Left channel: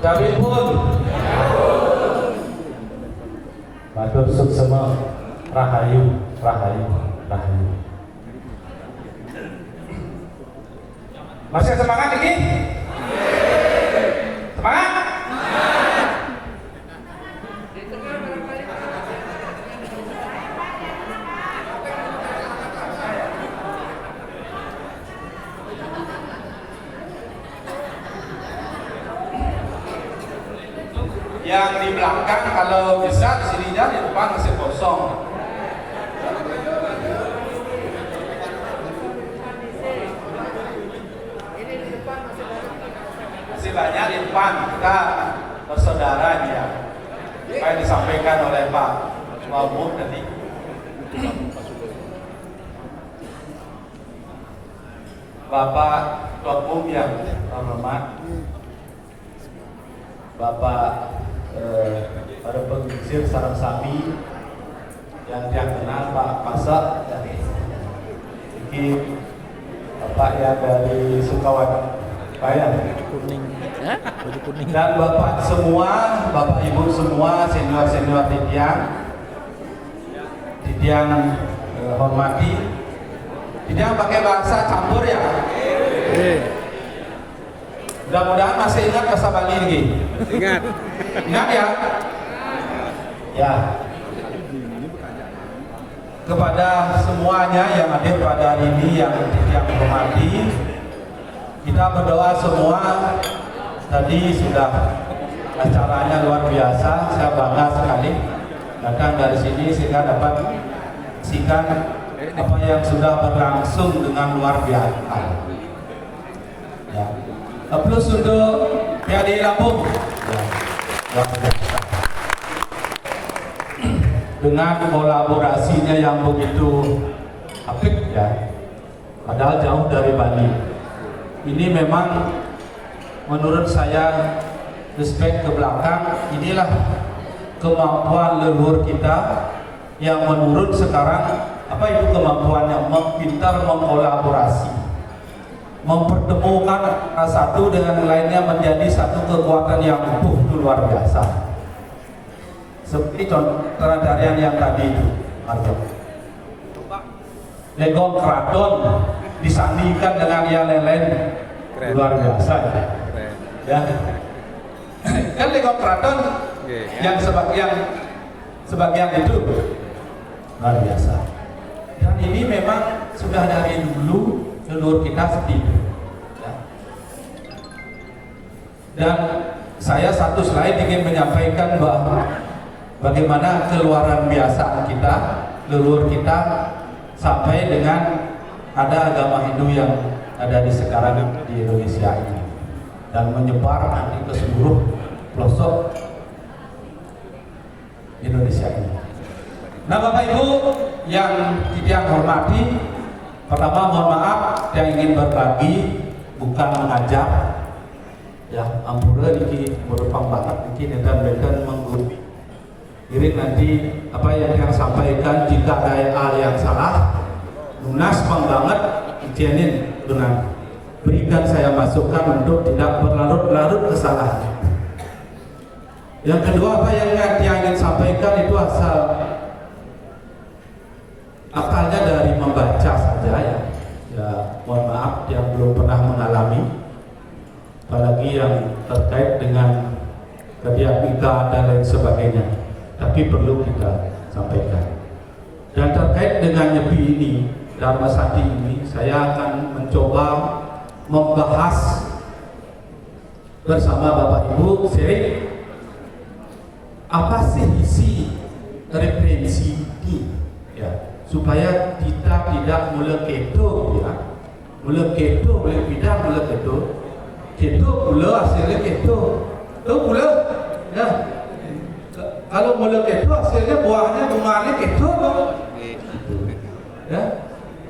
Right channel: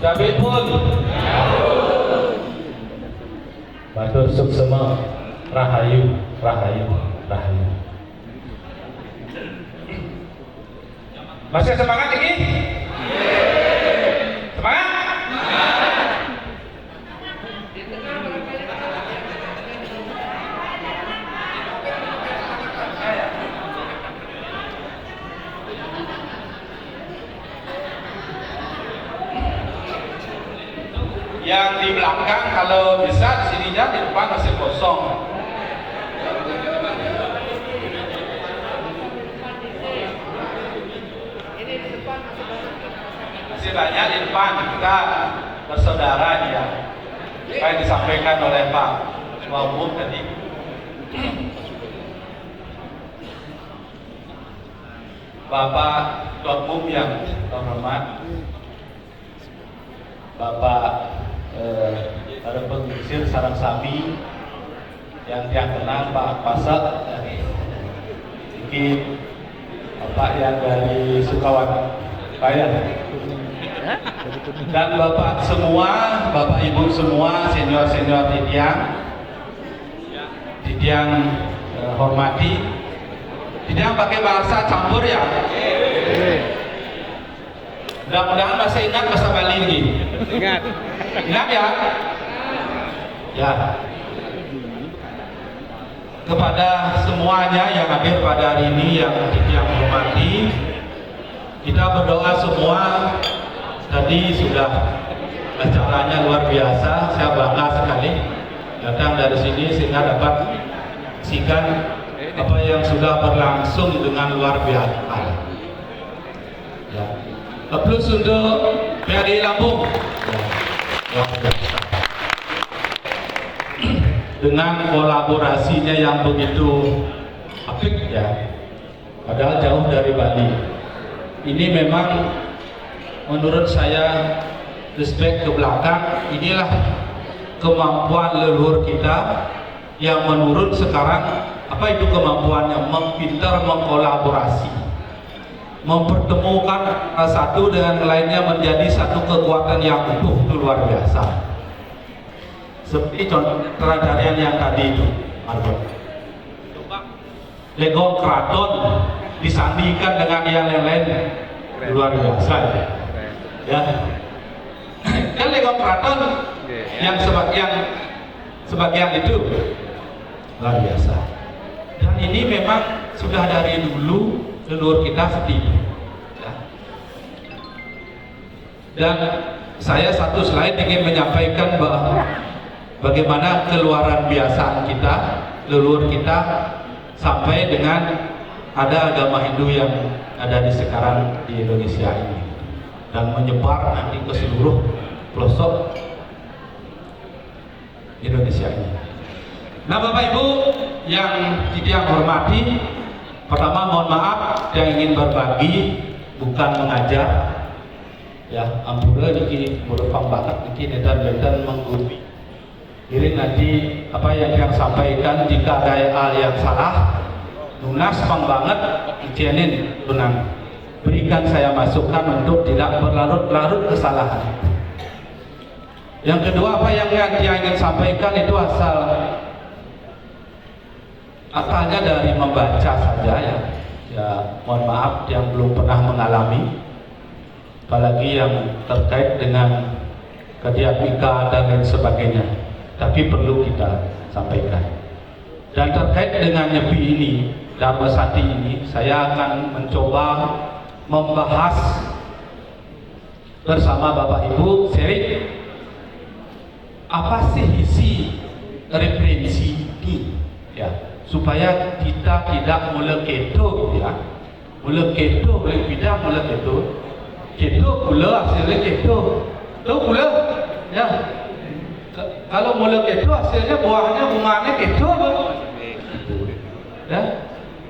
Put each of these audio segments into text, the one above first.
David pun Batur Suksema Rahayu Rahayu Rahayu. Masih semangat lagi? Semangat? Yang di belakang kalau bisa di sininya, di depan masih kosong. Masih banyak di depan, kita bersaudara dia. Kayak disampaikan oleh Pak Wabuk tadi. Bapak Wabuk yang terhormat, Bapak ada pengisir Sarang Sami yang kenal Pak Pasak dari ini, Bapak yang dari Sukawati Kaya, dan Bapak semua, Bapak Ibu semua, senior-senior Tidiang hormati. Tidiang pakai bahasa campur ya. Mudah-mudahan masih ingat bahasa Bali ini. Ingat ya? Ya. Kepada semuanya yang hadir pada hari ini yang hormati, kita berdoa semua. Tadi sudah acaranya luar biasa, saya bangga sekali datang dari sini sehingga dapat saksikan apa yang sudah berlangsung dengan luar biasa. Ya. Plus untuk PADI Lampung dengan kolaborasinya yang begitu apik ya, padahal jauh dari Bali. Ini memang menurut saya respect ke belakang, inilah kemampuan leluhur kita yang menurut sekarang apa itu kemampuannya, pintar mengkolaborasi, mempertemukan satu dengan lainnya menjadi satu kekuatan yang utuh. Itu luar biasa. Seperti contoh keradarian yang tadi itu, Legong Keraton disandingkan dengan yang lain, luar biasa ya. Kan Legong Keraton yang sebagian itu luar biasa. Dan ini memang sudah dari dulu leluhur kita seperti itu ya. Dan saya satu slide ingin menyampaikan bahwa bagaimana keluaran biasa kita, leluhur kita, sampai dengan ada agama Hindu yang ada di sekarang di Indonesia ini dan menyebar nanti ke seluruh pelosok Indonesia ini. Nah, Bapak Ibu yang tidak hormati, pertama mohon maaf, yang ingin berbagi bukan mengajar ya, ampura ini merupakan banget ini dan menggurui. Jadi nanti apa yang saya sampaikan jika ada hal yang salah, lunas banget, izinin tunang. Berikan saya masukan untuk tidak berlarut-larut kesalahan. Yang kedua, apa yang dia ingin sampaikan itu asalnya dari membaca saja ya. Ya, mohon maaf yang belum pernah mengalami, apalagi yang terkait dengan kediapika dan lain sebagainya. Tapi perlu kita sampaikan. Dan terkait dengan Nyepi ini, Dharma Sati ini, saya akan mencoba membahas bersama Bapak Ibu apa sih isi referensi ini ya, supaya kita tidak mula keto ya, mula keto berbeda mula keto pula hasilnya keto pula ya. Kalau mula keto hasilnya buahnya bunganya keto ya,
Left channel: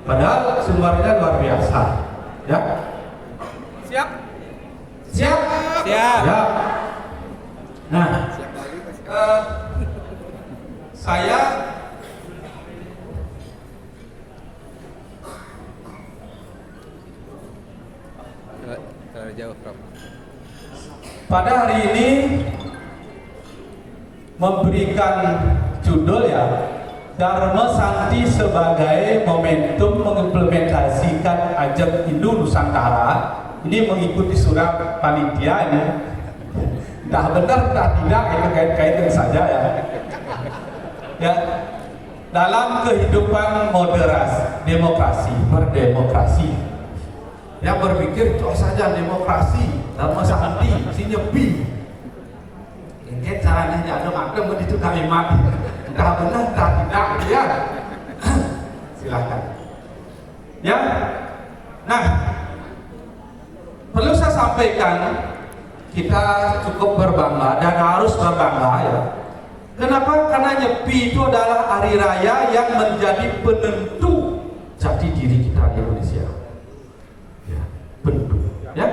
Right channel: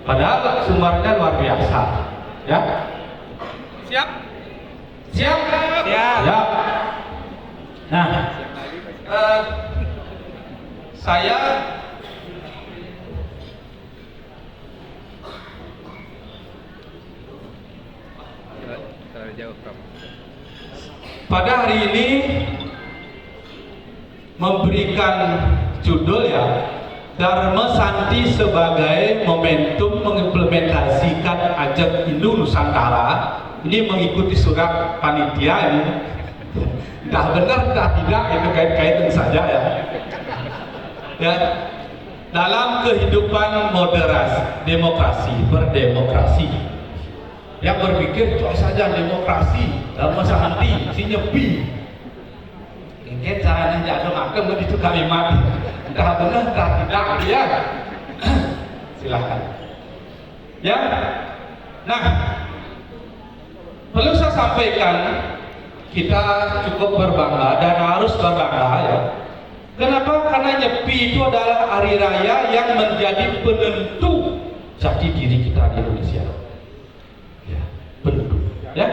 padahal sumbernya luar biasa ya. Siap ya. Nah, saya pada hari ini memberikan judul ya, Dharma Santi sebagai momentum mengimplementasikan Ajak Hindu Nusantara. Ini mengikuti surat panitia ini. Entah benar, entah tidak, itu kait-kaitan saja ya. Ya, dalam kehidupan demokrasi, berdemokrasi, yang berpikir itu saja demokrasi, Dharma Santi, sinyepi. Ini caranya jatuh akan begitu kalimat. Entah benar, entah tidak, ya. Silakan. Ya, nah, perlu saya sampaikan, kita cukup berbangga dan harus berbangga ya. Kenapa? Karena Nyepi itu adalah hari raya yang menjadi penentu jati diri kita di Indonesia. Ya, penentu. Ya.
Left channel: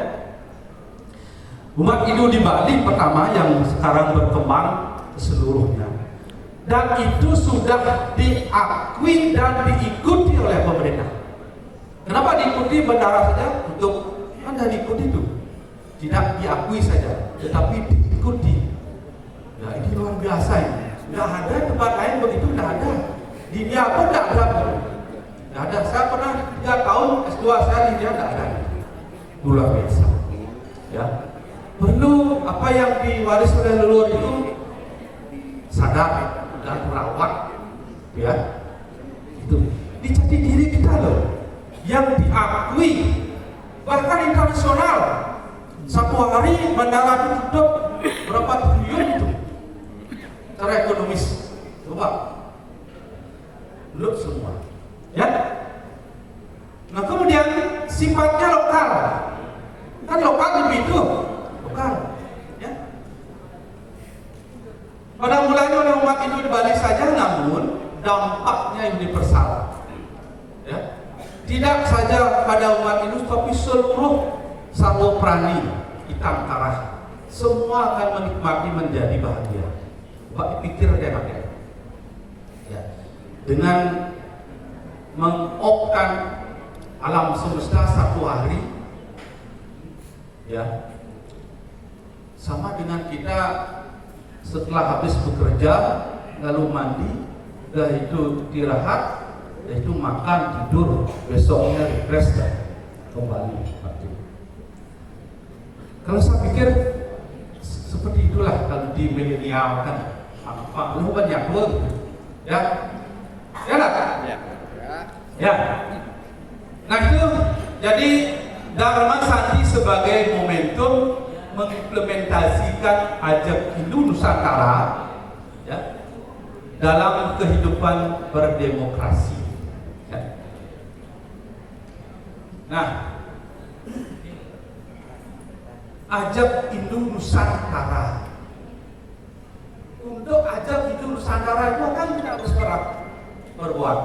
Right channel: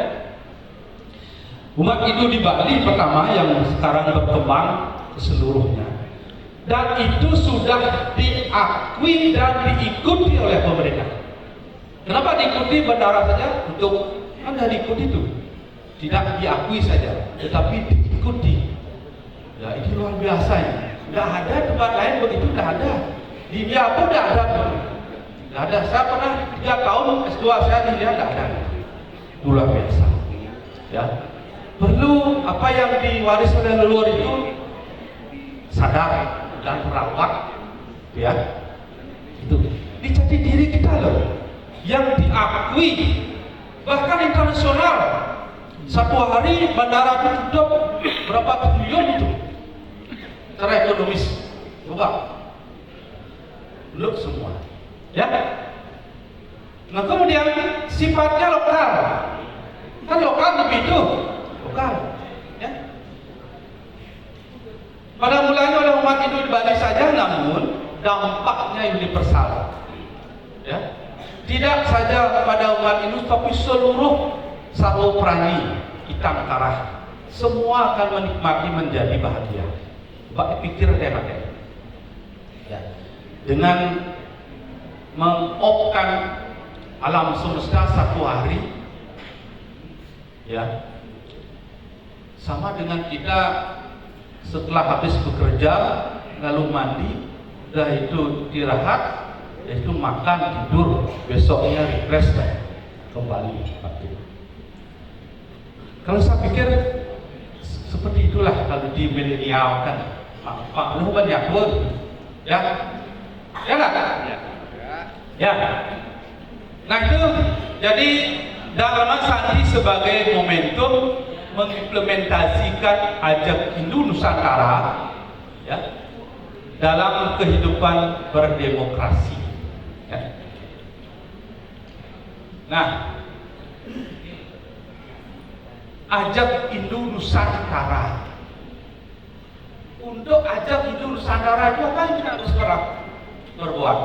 Umat Hindu di Bali pertama yang sekarang berkembang ke seluruhnya. Dan itu sudah diakui dan diikuti oleh pemerintah. Kenapa diikuti bendara saja? Untuk Anda diikuti itu. Tidak diakui saja, tetapi diikuti. Ya, ini luar biasa ini. Tidak ada tempat lain begitu, tidak ada. Di India pun tidak ada. Tidak ada. Saya pernah 3 tahun S2 saya di India, tidak ada. Luar biasa. Ya. Perlu apa yang diwariskan oleh leluhur itu sadar dan merawat. Ya. Itu. Di jati diri kita loh, yang diakui bahkan internasional. Satu hari bandara ditutup berapa triliun itu secara ekonomis, coba belum semua ya. Nah kemudian sifatnya lokal, kan lokal begitu, lokal ya. Pada mulanya oleh umat Hindu di Bali saja, namun dampaknya universal ya. Tidak saja pada umat Hindu tapi seluruh Salo Prani kita antara semua akan menikmati menjadi bahagia. Coba pikir ya, dengan mengopkan alam semesta satu hari, ya, sama dengan kita setelah habis bekerja lalu mandi, udah itu istirahat, yaitu makan tidur, besoknya refresh kembali. Kalau saya pikir seperti itulah kalau di milenial kan, Pak lu banyak pun, ya, ya nggak? Ya. Nah itu jadi Dharma Santi sebagai momentum mengimplementasikan Ajak Hindu Nusantara, ya, dalam kehidupan berdemokrasi. Ya. Nah. Ajak Hindu Nusantara. Untuk Ajak Hindu Nusantara itu apa yang kita harus berbuat?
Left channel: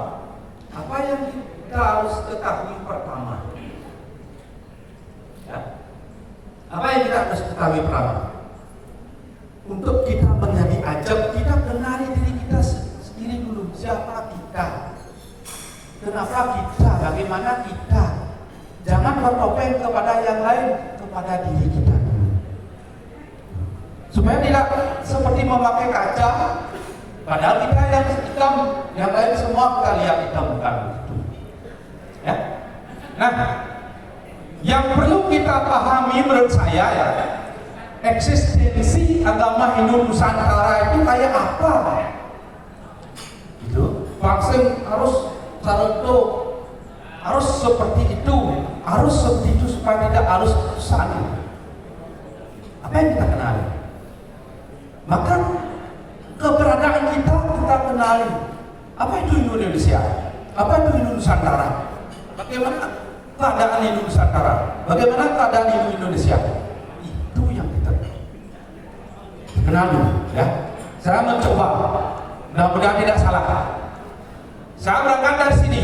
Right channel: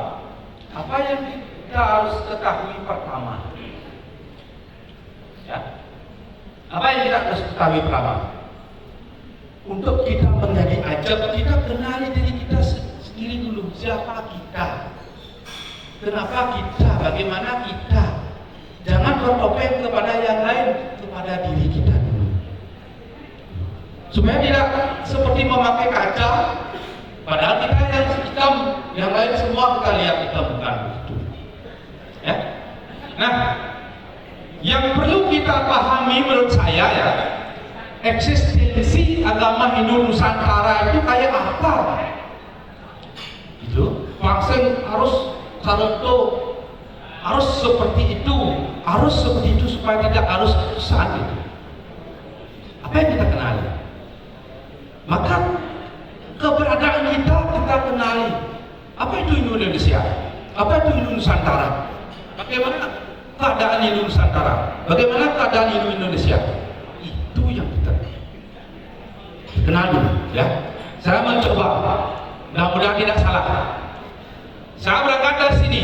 Apa yang kita harus ketahui pertama? Ya. Apa yang kita harus ketahui pertama? Untuk kita menjadi Ajak, kita kenali diri kita sendiri dulu. Siapa kita? Kenapa kita? Bagaimana kita? Jangan bertopeng kepada yang lain, kepada diri kita dulu. Supaya tidak seperti memakai kaca, padahal kita yang hitam, yang lain semua kita lihat hitam, bukan begitu. Ya. Nah, yang perlu kita pahami menurut saya ya, eksistensi agama Hindu Nusantara itu kayak apa? Itu vaksin harus kareto, harus seperti itu, harus seperti itu supaya tidak harus susah. Apa yang kita kenali? Maka keberadaan kita kenali. Apa itu Indonesia? Apa itu Hindu Nusantara? Bagaimana keadaan Hindu Nusantara? Bagaimana keadaan Hindu Indonesia? Itu yang kita kenali, ya. Saya mencoba, mudah-mudahan tidak salah. Saya berangkat dari sini.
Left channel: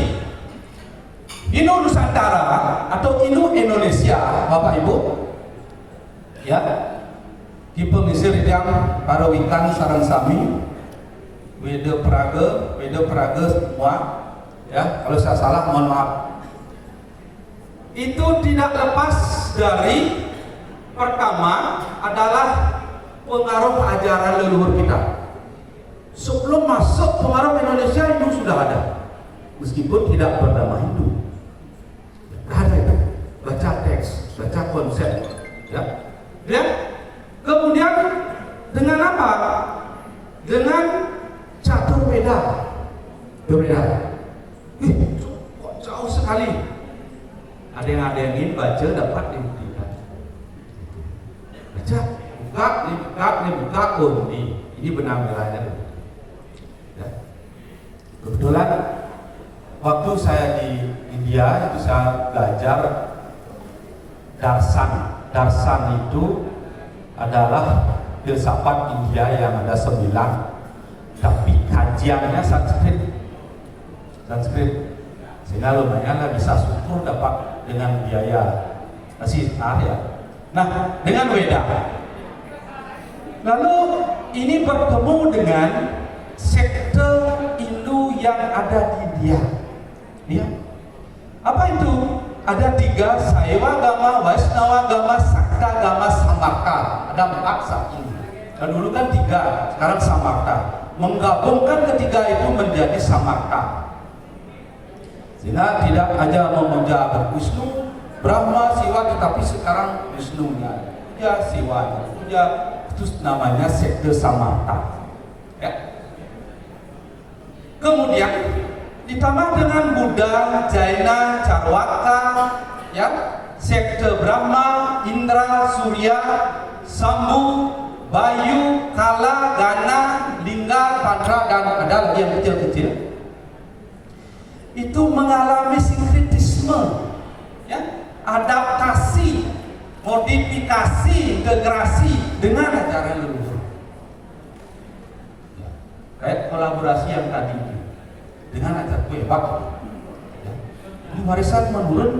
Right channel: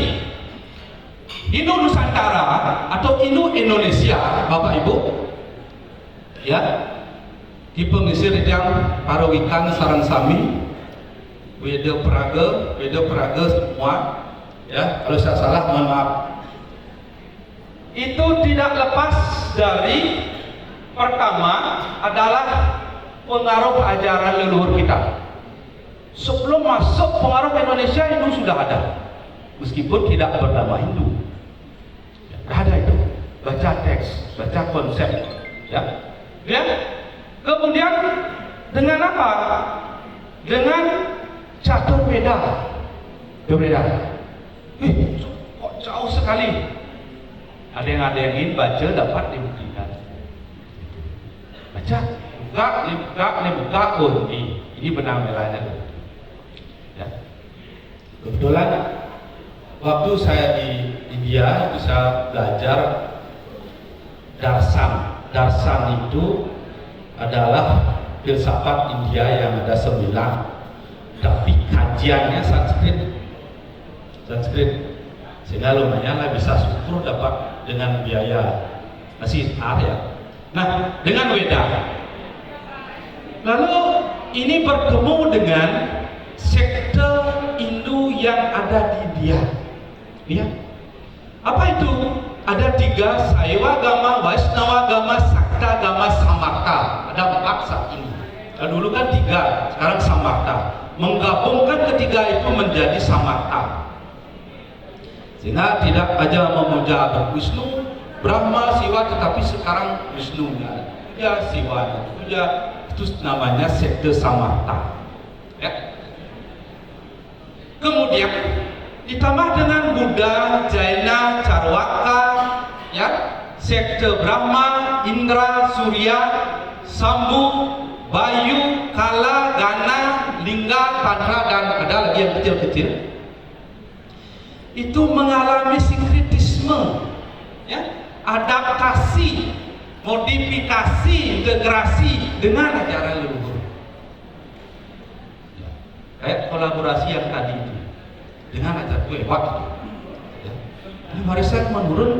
Hindu Nusantara atau Hindu Indonesia, Bapak Ibu, ya, di pengisir yang Parawitan Saransami, Weda Praga semua, ya. Kalau saya salah mohon maaf. Itu tidak lepas dari Pertama adalah pengaruh ajaran leluhur kita. Sebelum masuk pengaruh Indonesia, Hindu sudah ada, meskipun tidak bernama Hindu. Ada itu, baca teks, baca konsep, ya. Kemudian dengan apa? Dengan catur beda. Kok jauh sekali. Ada yang ingin baca dapat dibuktikan. Baca, dibuka, ini benang merahnya. Ya. Kebetulan waktu saya di India bisa belajar darsan itu adalah filsafat India yang ada 9, tapi kajiannya Sanskrit, sehingga lumayan lah bisa syukur dapat dengan biaya masih ya. Nah, dengan Weda, lalu ini bertemu dengan sekte Hindu yang ada di India. Ya. Apa itu? Ada 3, Saiwagama, Vaishnavagama, Saktagama, Samarta. Ada 4 saat ini. Dan dulu kan 3, sekarang Samarta. Menggabungkan ketiga itu menjadi Samarta. Sehingga tidak hanya memuja Wisnu, Brahma, Siwa, tetapi sekarang Wisnu ya Siwa, itu namanya sekte Samarta. Ya. Kemudian ditambah dengan Buddha, Jaina, Charwaka, ya, sekte Brahma, Indra, Surya, Sambu, Bayu, Kala, Gana, Lingga, Tantra, dan ada lagi yang kecil-kecil. Itu mengalami sinkretisme, ya, adaptasi, modifikasi, integrasi dengan ajaran leluhur. Kayak kolaborasi yang tadi itu dengan ajaran lewat. Ya. Ini warisan menurun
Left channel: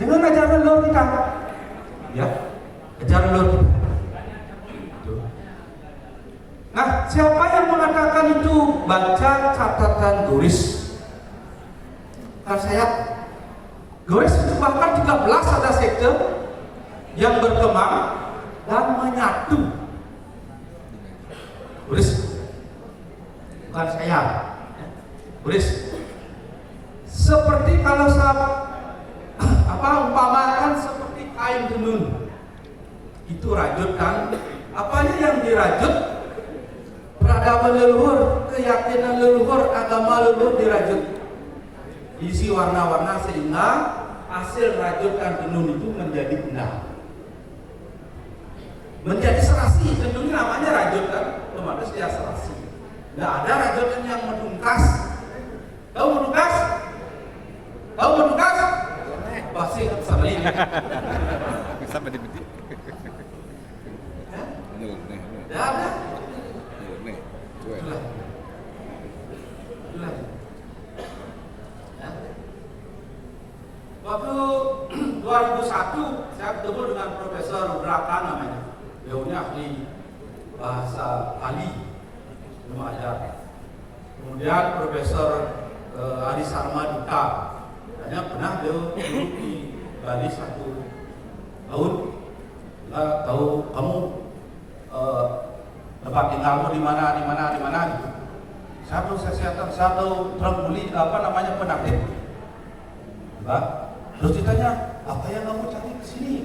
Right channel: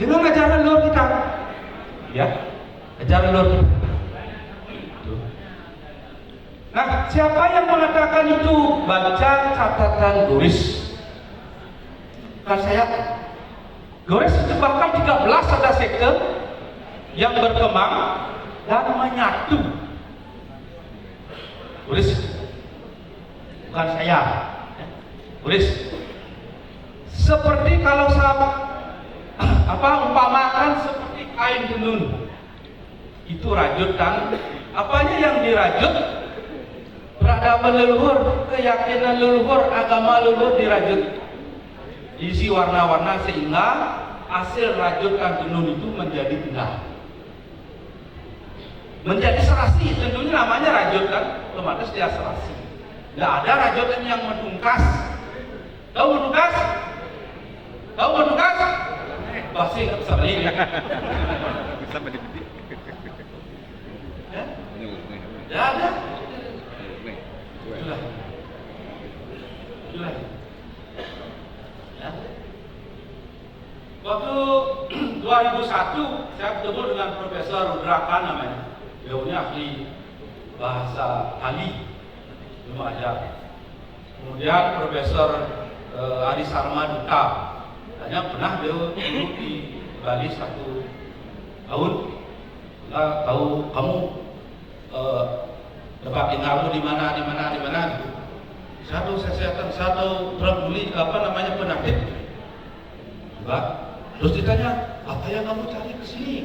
dengan ajaran leluhur kita. Ya, ajaran leluhur kita. Nah, siapa yang mengatakan itu? Baca catatan Doris. Kan saya Doris itu bahkan 13 ada sekte yang berkembang dan menyatu. Doris, bukan saya. Doris. Seperti kalau sahabat umpamakan seperti kain tenun. Itu rajut kan? Apanya yang dirajut? Peradaban leluhur, keyakinan leluhur, agama leluhur dirajut. Isi warna-warna sehingga hasil rajutan tenun itu menjadi indah. Menjadi serasi, tentunya namanya rajut kan? Otomatis dia serasi. Tidak ada rajutan yang menungkas. Tahu menungkas? Tahu menungkas? Pasti sebenarnya. Bisa bedi-bedi. Ya ada. Waktu 2001 saya ketemu dengan Profesor Rudrakan namanya. Beliau ahli bahasa Bali, ilmu ajar. Kemudian Profesor Ari Sarma Duta, hanya pernah beliau duduk di Bali 1 tahun. Nggak tahu kamu tempat tinggalmu di mana gitu. Satu kesehatan, satu terbuli penyakit. Mbak, terus ditanya, apa yang kamu cari ke sini?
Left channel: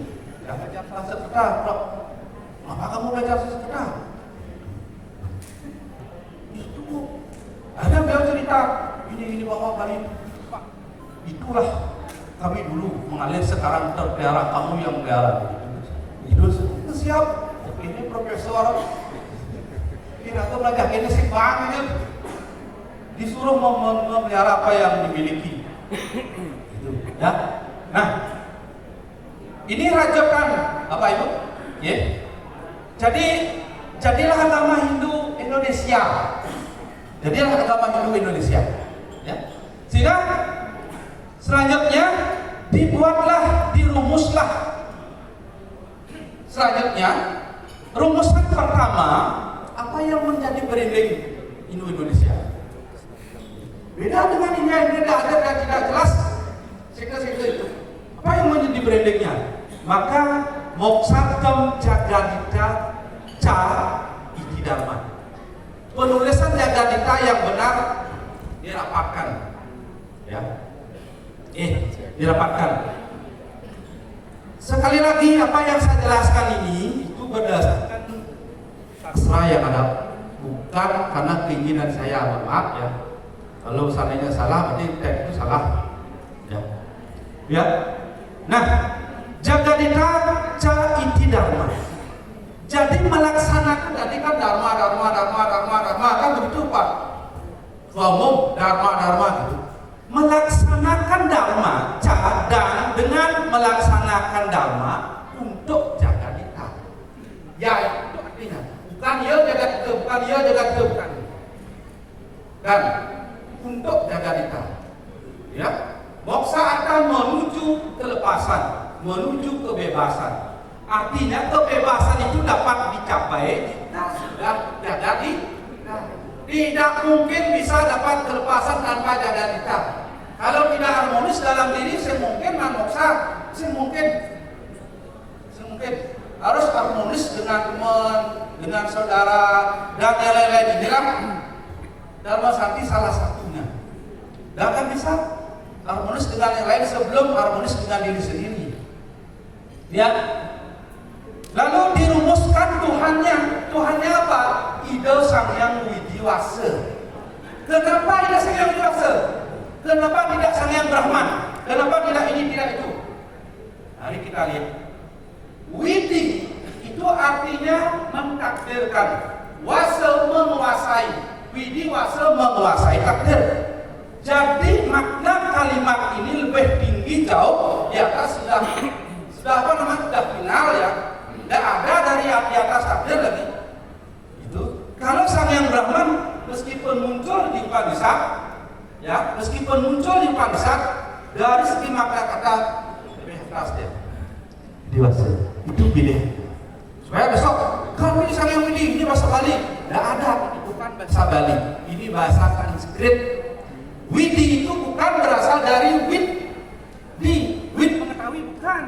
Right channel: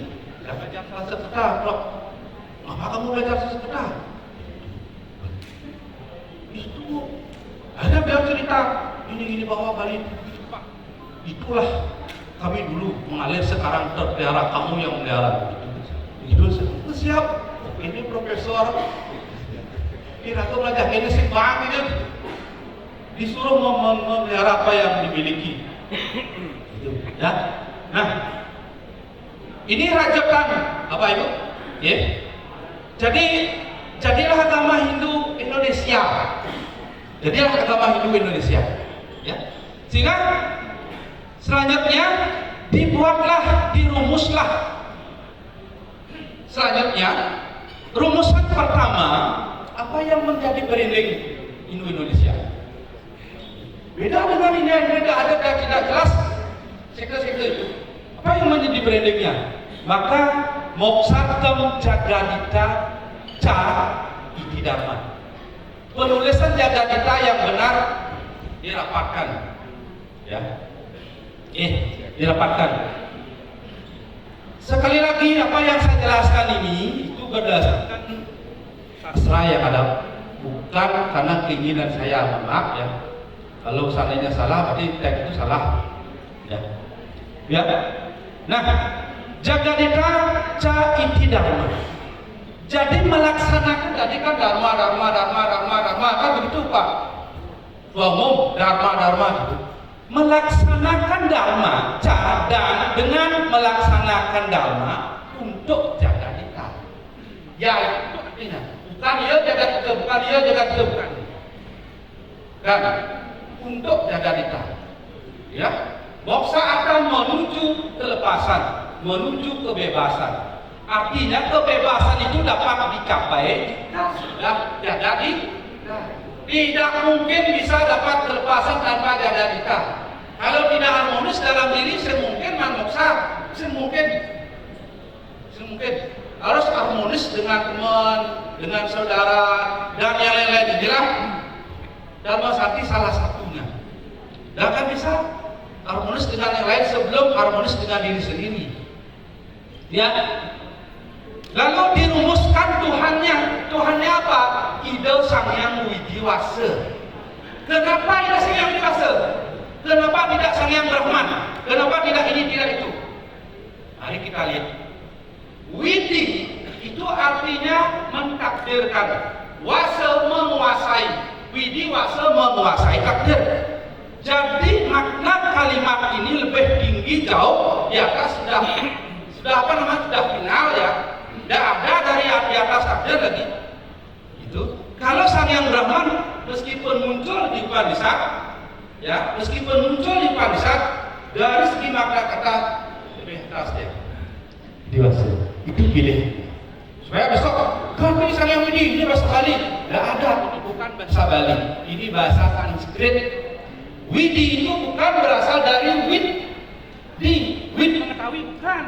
Ya belajar sastra, Pak. Apa kamu belajar sastra? Itu ada beliau cerita, ini bahwa Bali, Pak. Itulah kami dulu mengalir, sekarang terpelihara, kamu yang melihara. Itu siap. Ini profesor. Kira tuh belajar ini si Bang ini disuruh memelihara apa yang dimiliki. Ya. Nah, ini rajutan apa Ibu? Ya. Jadilah agama Hindu Indonesia. Jadilah agama Hindu Indonesia. Ya. Sehingga selanjutnya dirumuslah. Selanjutnya rumusan pertama, apa yang menjadi branding Hindu Indonesia? Beda dengan ini yang beda, ada yang tidak jelas sekte-sekte itu. Apa yang menjadi brandingnya? Maka Moksartem Jagadita Ca Iti Dharma. Penulisan Jagadita yang benar dirapatkan, ya, dirapatkan. Sekali lagi apa yang saya jelaskan ini itu berdasarkan sastra yang ada, bukan karena keinginan saya, maaf ya. Kalau seandainya salah, berarti teks itu salah. Ya. Nah, Jagadita Ca Iti Dharma. Jadi melaksanakan tadi kan dharma kan begitu Pak. Umum dharma gitu. Melaksanakan dharma dan dengan melaksanakan dharma untuk Jagadita. Ya itu artinya bukan dia Jagadita, bukan. Dan untuk Jagadita. Ya. Moksa akan menuju kelepasan, menuju kebebasan. Artinya kebebasan itu dapat dicapai sudah jadi. Tidak mungkin bisa dapat kelepasan tanpa Jagadita. Kalau tidak harmonis dalam diri, semungkin moksa, semungkin harus harmonis dengan teman, dengan saudara, dan yang lain-lain. Inilah Dharma Sakti salah satunya. Dan kan bisa harmonis dengan yang lain sebelum harmonis dengan diri sendiri. Ya. Lalu dirumuskan Tuhannya apa? Ida Sang Hyang Widiwasa. Kenapa Ida Sang Hyang Widiwasa? Kenapa tidak Sang Hyang Brahman? Kenapa tidak ini, tidak itu? Mari kita lihat. Widi itu artinya mentakdirkan. Wasa menguasai. Widiwasa menguasai takdir. Jadi makna kalimat ini lebih tinggi jauh di atas sudah final ya. Tidak ada dari di atas takdir lagi. Itu. Kalau Sang Hyang Brahman meskipun muncul di Upanishad, ya, dari segi makna kata lebih atas deh. Dewasa. Itu pilih. Supaya besok tapi Sang Hyang Widi ini bahasa Bali. Tidak ada, ini bukan bahasa Bali. Ini bahasa Sanskrit. Widi itu bukan berasal dari wid. Wid mengetahui, bukan.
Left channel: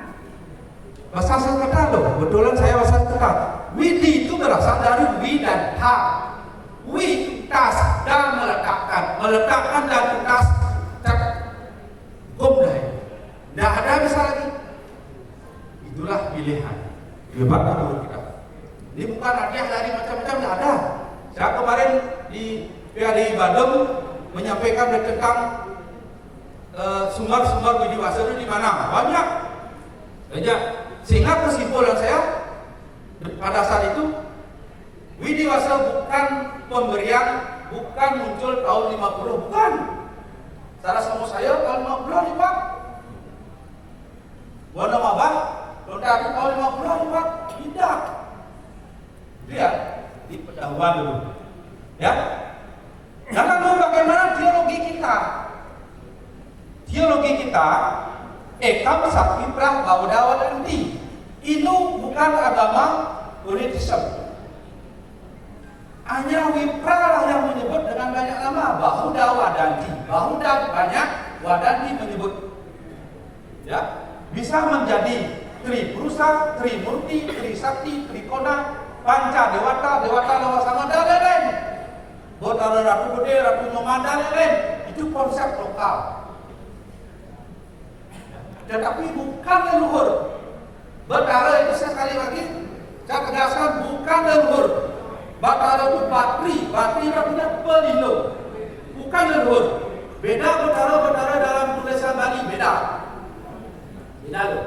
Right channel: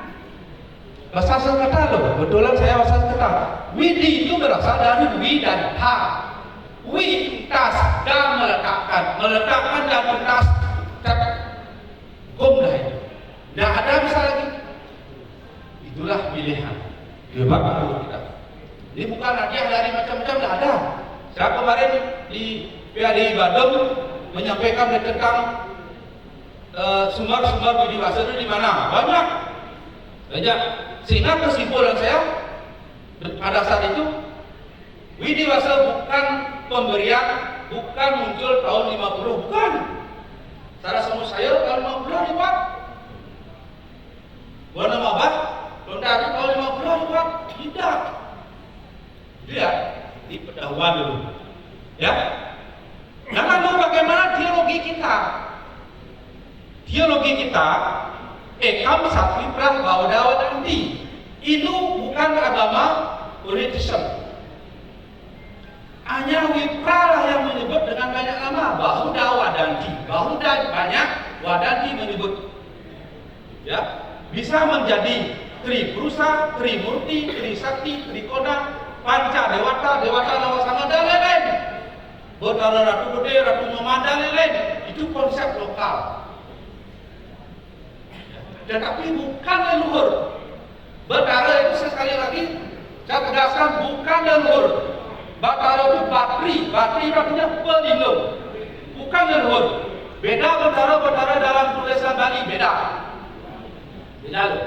Bahasa Sanskerta loh, kebetulan saya bahasa Sanskerta. Widi itu berasal dari wi dan ha. Wi itu tas dan meletakkan dan tas gomdai. Tidak ada bisa lagi. Itulah pilihan. Coba itu kita. Ini bukan hadiah dari macam-macam, tidak ada. Saya kemarin di PADI Bandung menyampaikan tentang sumber Widiwasa itu di mana? Banyak. Sehingga kesimpulan saya pada saat itu Widiwasa bukan pemberian, bukan muncul tahun 50, bukan. Cara semua saya tahun 50 dibuat. Buana Mabah, Londari tahun 50 dibuat. Tidak. Itu ya, di pendahuluan dulu. Ya. Jangan tahu bagaimana teologi kita. Ekam Sakti Prah Baudawa Dandi. Itu bukan agama politisme. Hanya Wipra lah yang menyebut dengan banyak nama. Bahudawa Dandi. Bahuda banyak, Wadandi menyebut. Ya, bisa menjadi Tripurusa, Trimurti, Trisakti, Trikona, Panca Dewata, Dewata Nawasanga dan lain-lain. Betara Ratu Gede, Ratu Moman dan lain-lain. Itu konsep lokal. Tetapi bukan leluhur. Betara itu sekali lagi saya tegaskan bukan leluhur. Betara itu batri artinya pelindung, bukan leluhur. Beda betara dalam tulisan Bali, beda loh.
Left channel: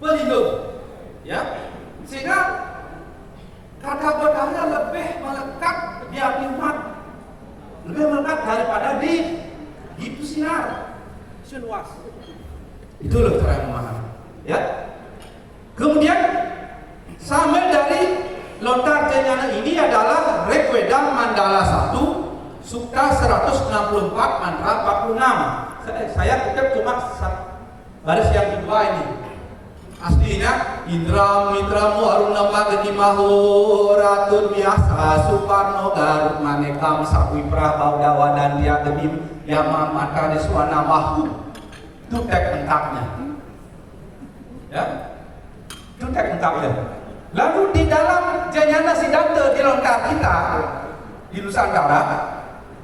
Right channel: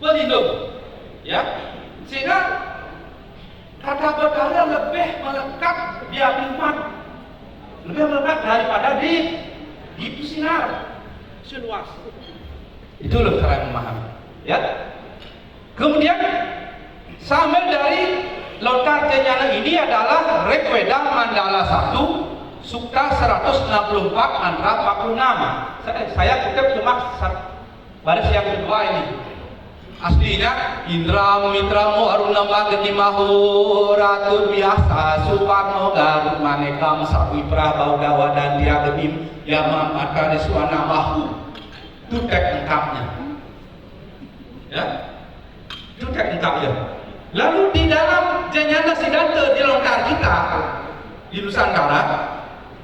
Pelindung, ya. Sehingga kata betara lebih melekat di hatimat, lebih melekat daripada di sinar seluas. Itu loh cara yang memahami, ya. Kemudian sama dari lontar kenyana ini adalah Rigveda Mandala 1 Sukta 164 mantra 46. Saya kutip cuma baris yang kedua ini. Aslinya Indra Mitramu Arunama Gedimahu Ratu Biasa Suparno Garut Manekam Sakwipra Baudawa dan Dia Gedim Yamam Akariswana Mahu. Itu teks lengkapnya. Ya. Itu lengkap ya. Lalu di dalam Jnana Siddhanta di lontar kita di Nusantara,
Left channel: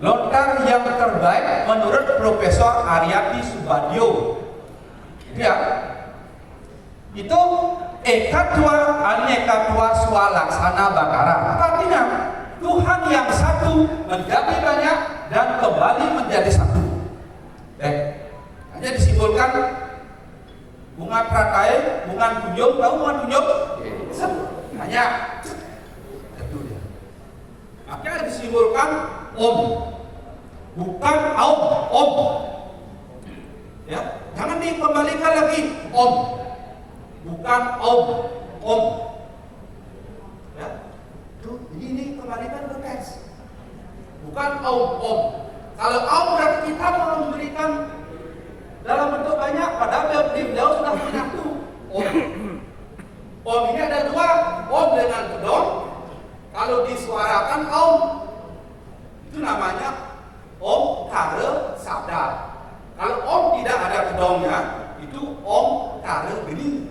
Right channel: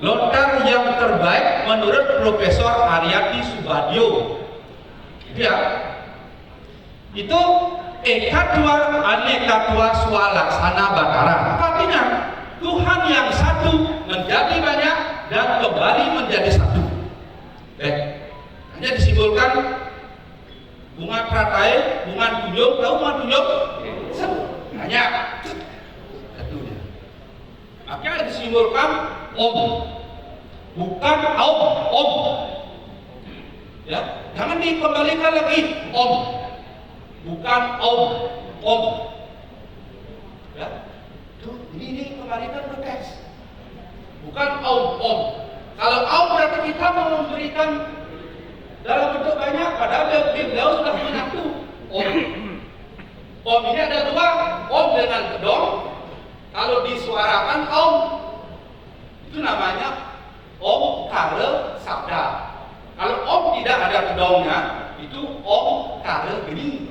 lontar yang terbaik menurut Profesor Aryati Subadyo, ya, itu ekatwa anekatwa swalaksana batara. Artinya Tuhan yang satu menjadi banyak dan kembali menjadi satu. Hanya disimbolkan bunga pratai, bunga tunjuk, tahu bunga tunjuk? Satu, hanya satu dia. Maka disimbolkan Om, bukan Aum, Om. Ya, jangan dikembalikan lagi Om, bukan Om, Om. Ya, tuh ini kembalikan berteks, bukan Om, Om. Kalau Om berarti kita mau memberikan dalam bentuk banyak, padahal beliau sudah punya satu Om. Om ini ada dua, Om dengan kedong. Kalau disuarakan Om, itu namanya Om Kara Sabda. Kalau Om tidak ada kedongnya, itu Om Kara Geni.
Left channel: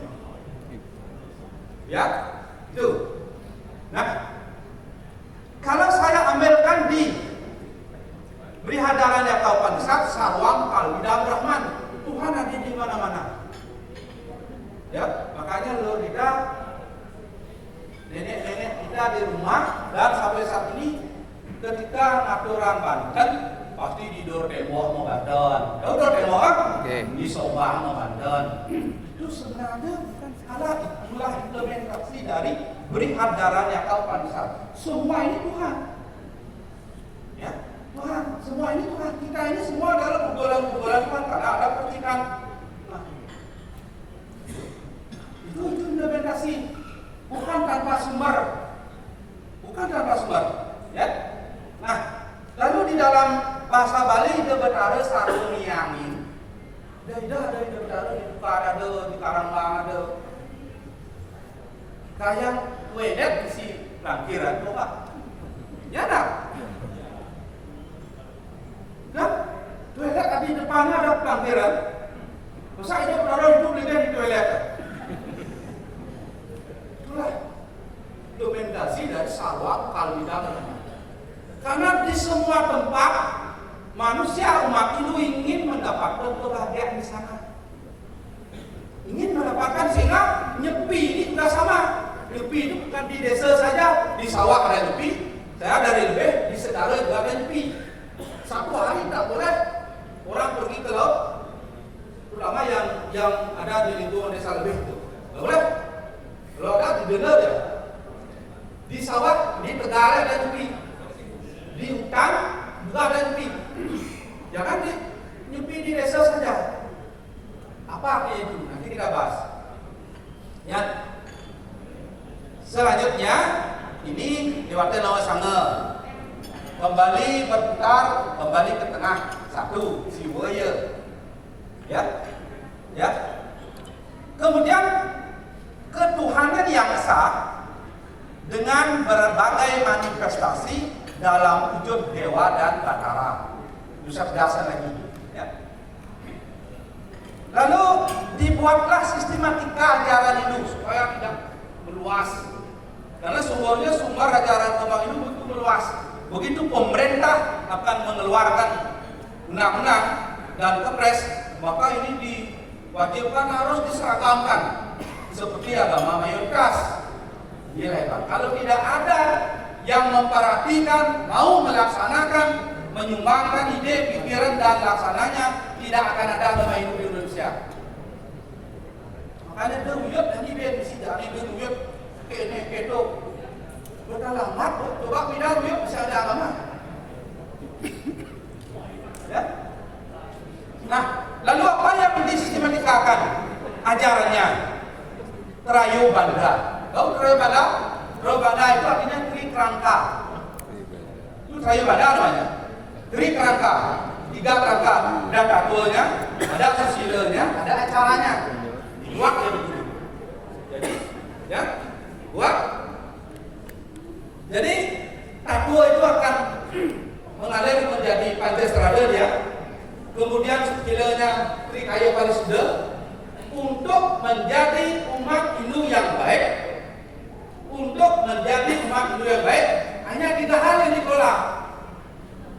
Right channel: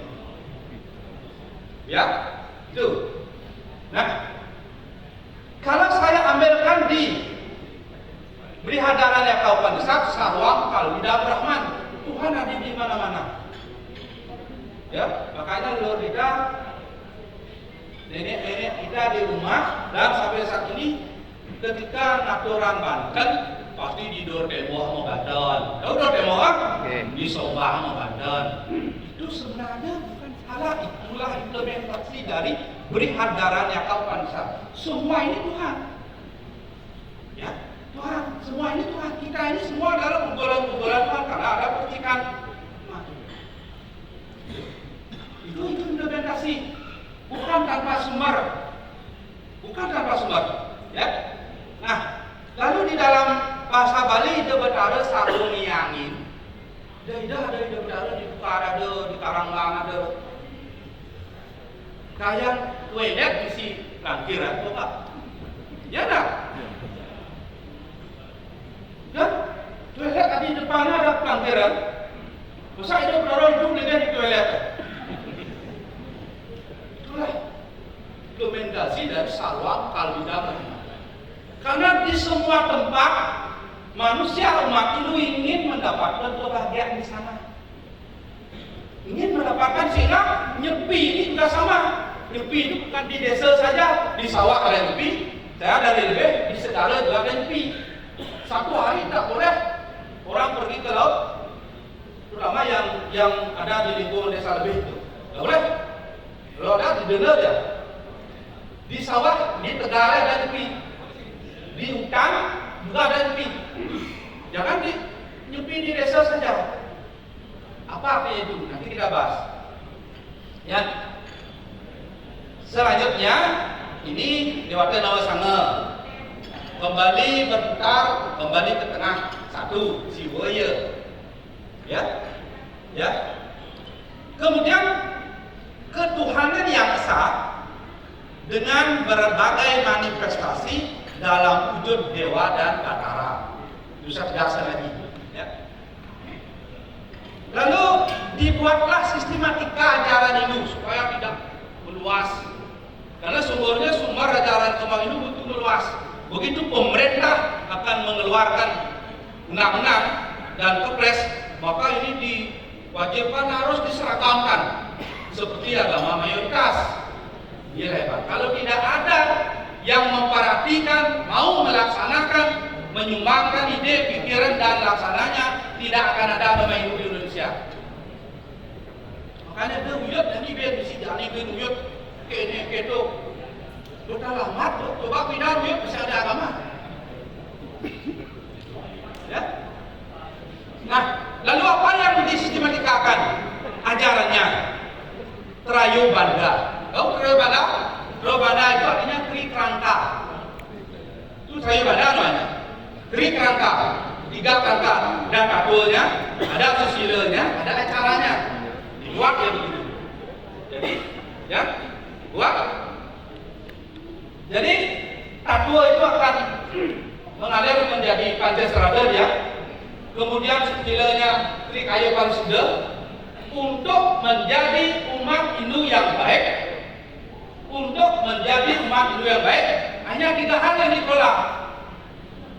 Ya, itu. Nah, kalau saya ambilkan di Brihadaranya Kaupanisad, Sarwam Kalbidam Brahman, Tuhan ada di mana-mana. Ya, makanya luar kita, nenek-nenek kita di rumah dan sampai saat ini ketika naturan Banten pasti di Dor Temoh mau Banten. Tahu Dor Temoh? Di Sombang mau Banten. Itu sebenarnya bukan salah, itulah implementasi dari Brihadaranya Kaupanisad. Semua ini Tuhan. Ya, Tuhan, semua ini Tuhan. Kita ini semua adalah kumpulan-kumpulan Tuhan karena ada percikan. Itu implementasi, bukan tanpa sumber, bukan tanpa sumber. Ya. Nah, lalu di dalam bahasa Bali itu berada saruniangin. Ada berada di Bukar ada, di Karangbang ada. Kayak toilet isi langkiran, coba. Ya tak? Dan toilet ada di depannya ada pelangkiran. Masa itu orang hidup dengan di toilet? Itulah implementasi dari Sarwam Kalbidam. Karena di semua tempat manusia umat itu ingin mendapatkan kebahagiaan di sana. Ingin mendapatkan, sehingga nyepi ini juga sama. Nyepi itu bukan di desa saja, di sawah ada nyepi. Saya dari lebih di Sedara juga ada nyepi. Satu hari tak boleh orang pergi ke laut, terutama yang ada di lingkungan desa lebih itu. Tak boleh. Kalau ada didengar ya. Di sawah, di Tegal ada nyepi. Di hutan juga ada nyepi. Jangan nyepi di desa saja. Apa artinya itu? Nanti kita bahas. Ya. Selanjutnya ini lewatnya nama sange. Kembali berputar, kembali ke tengah. Satu, siwaya. Ya. Ya. Kemudian ketuhanan yang esa dengan berbagai manifestasi dalam wujud dewa dan batara. Itu dasar lagi. Ya. Lalu dibuatlah sistematika ajaran itu supaya tidak meluas. Karena sumber ajaran Kemang itu butuh meluas. Begitu pemerintah akan mengeluarkan undang-undang dan kepres, maka ini diwajibkan harus diseragamkan seperti agama mayoritas. Kalau tidak ada yang memperhatikan, mau melaksanakan, menyumbangkan ide, pikiran dan laksananya, tidak akan ada agama Hindu di Indonesia. Makanya deruyut dan ibe bisi jani deruyut kene keto. Bertalamat, coba pindah ruyut bisa ada agama. Ya. Nah, lalu apa yang disisitematikakan ajarannya? Terayu Banda. Tahu Terayu Banda? Terayu Banda itu artinya trikrangka. Itu Terayu Banda namanya. Trikrangka, 3 kerangka. Ada katulnya, ada susilanya, ada acaranya. Dibuat ya begitu. Jadi, ya, buat. Jadi, katul itu akan mengalir menjadi Pancasarada ya. Kemudian susilanya Trikaya Parisida. untuk menjadi umat Hindu yang baik, untuk menjadi umat Hindu yang baik, hanya 3 hal yang dikelola.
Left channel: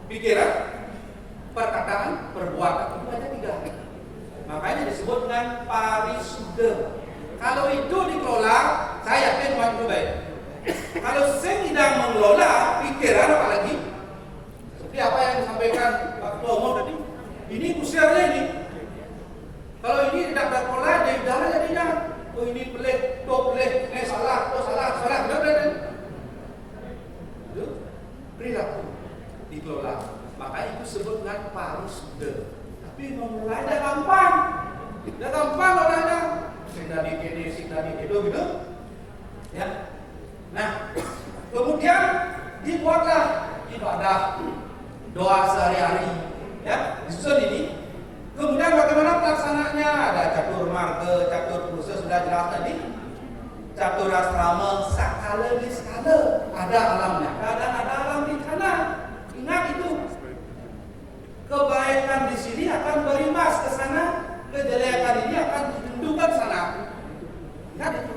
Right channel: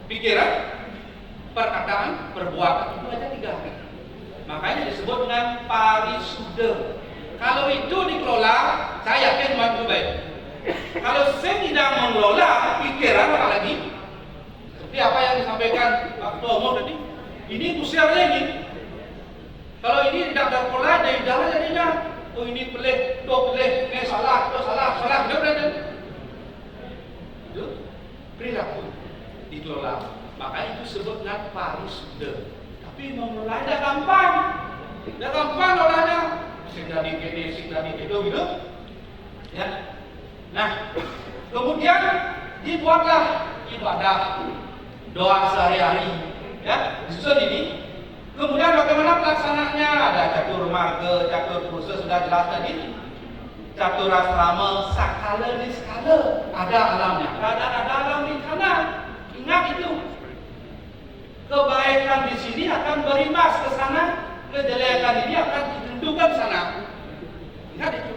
Pikiran, perkataan, perbuatan, itu aja 3. Makanya disebut dengan parisuda. Kalau itu dikelola, saya yakin umat Hindu baik. Kalau saya tidak mengelola pikiran, apalagi seperti apa yang disampaikan Pak Ketua Umum tadi, ini kusirnya ini. Kalau ini tidak terkelola, dari dalam jadinya, oh ini pelih, itu pelih, ini salah, itu salah, tidak berada. Itu perilaku dikelola. Makanya itu disebut dengan parisuda. Tapi mengelola tidak gampang. Tidak gampang olahnya. Sing tadi kene, sing tadi itu gitu. Ya. Nah, kemudian dibuatlah ibadah doa sehari-hari. Ya, disusun ini. Kemudian bagaimana pelaksanaannya? Ada catur marga, catur khusus sudah jelas tadi. Catur asrama, sakala di skala. Ada alamnya, ada alam di sana. Ingat itu. Kebaikan di sini akan berimbas ke sana, kejelekan ini akan ditentukan sana. Ingat itu.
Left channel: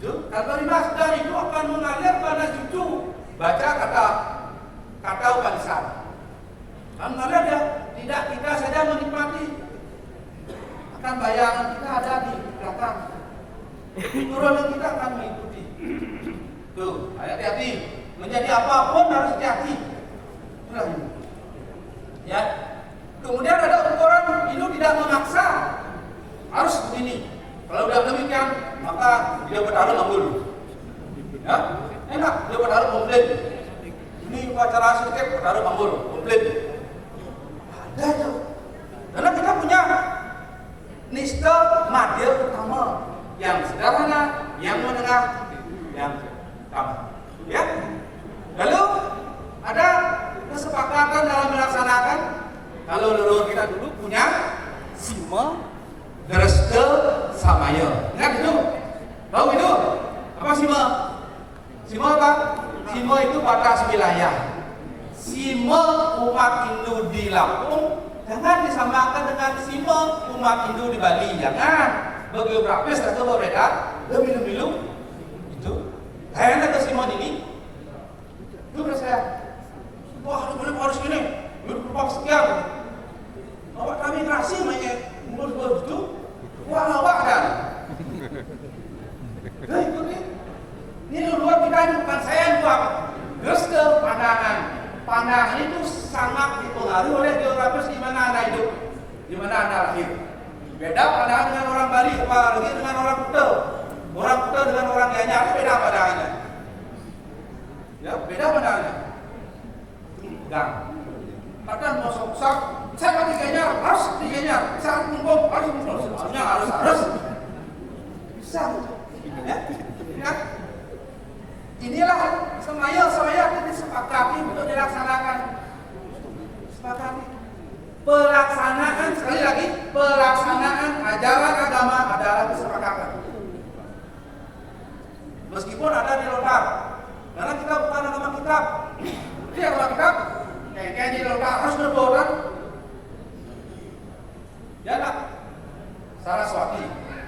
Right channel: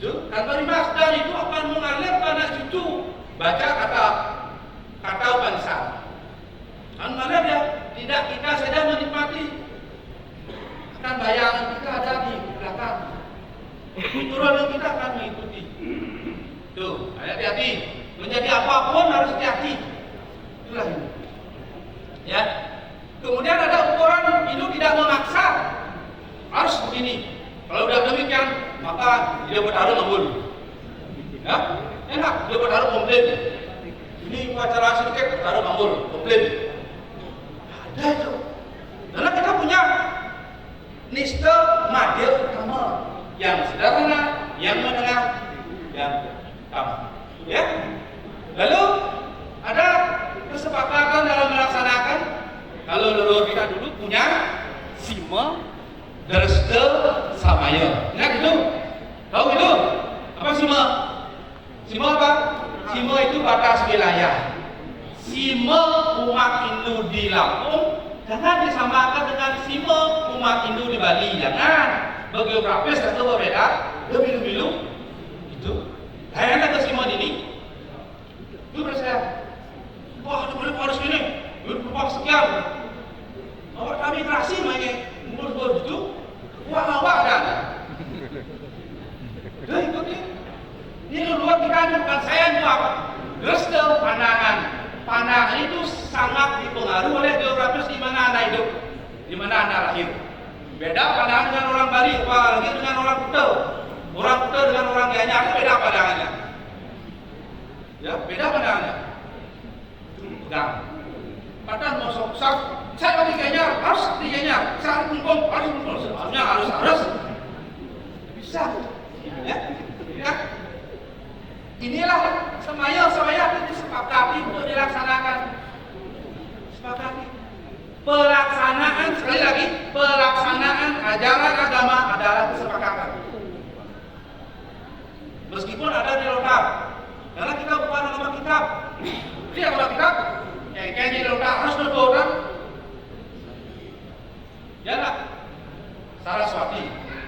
Itu akan berimbas dan itu akan mengalir pada cucu. Baca kata Upanishad. Kan mana dia? Tidak kita saja menikmati. Akan bayangan kita ada di belakang. Turunan kita akan mengikuti. Tuh, hati-hati. Menjadi apapun harus hati-hati. Itulah ini. Ya. Kemudian ada ukuran, itu tidak memaksa. Harus begini. Kalau sudah demikian, maka dia bertaruh ngabul. Ya, enak. Dia bertaruh komplain. Ini upacara arsitek bertaruh ngabul, komplain. Ada itu. Karena kita punya nista madya utama yang sederhana, yang menengah, yang utama. Ya. Lalu ada kesepakatan dalam melaksanakan. Kalau leluhur kita dulu punya sima, dresta, samaya. Ingat itu? Tahu itu? Apa sima? Sima apa? Sima itu batas wilayah. Sima umat Hindu di Lampung jangan disamakan dengan sima umat Hindu di Bali. Jangan. Geografis atau berbeda. Lebih-lebih itu. Kayaknya ke sima ini. Itu saya. Wah, boleh harus gini. Berapa sekian? Awak kami kerasi mainnya. Umur itu. Wah, awak dan. Dah ikuti. Ini luar kita ini bukan saya yang buat. Gestel pandangan. Pandangan itu sangat dipengaruhi oleh geografis di mana Anda hidup, di mana Anda lahir. Beda pandangan dengan orang Bali, apalagi dengan orang Kuta. Orang Kuta dengan orang Gianyar itu beda pandangannya. Ya, beda pandangannya. Pegang. Padahal mau sok-sok, saya mau di Gianyar, harus di Gianyar. Saya kumpul, harus kumpul. Sebenarnya harus. Bisa. Ya. Ya. Inilah semaya disepakati untuk dilaksanakan. Sepakati. Pelaksanaan, sekali lagi, pelaksanaan ajaran agama adalah kesepakatan. Meskipun ada di lontar, karena kita bukan nama kitab. Dia nama kitab, kayak di lontar harus berdoa. Jangan.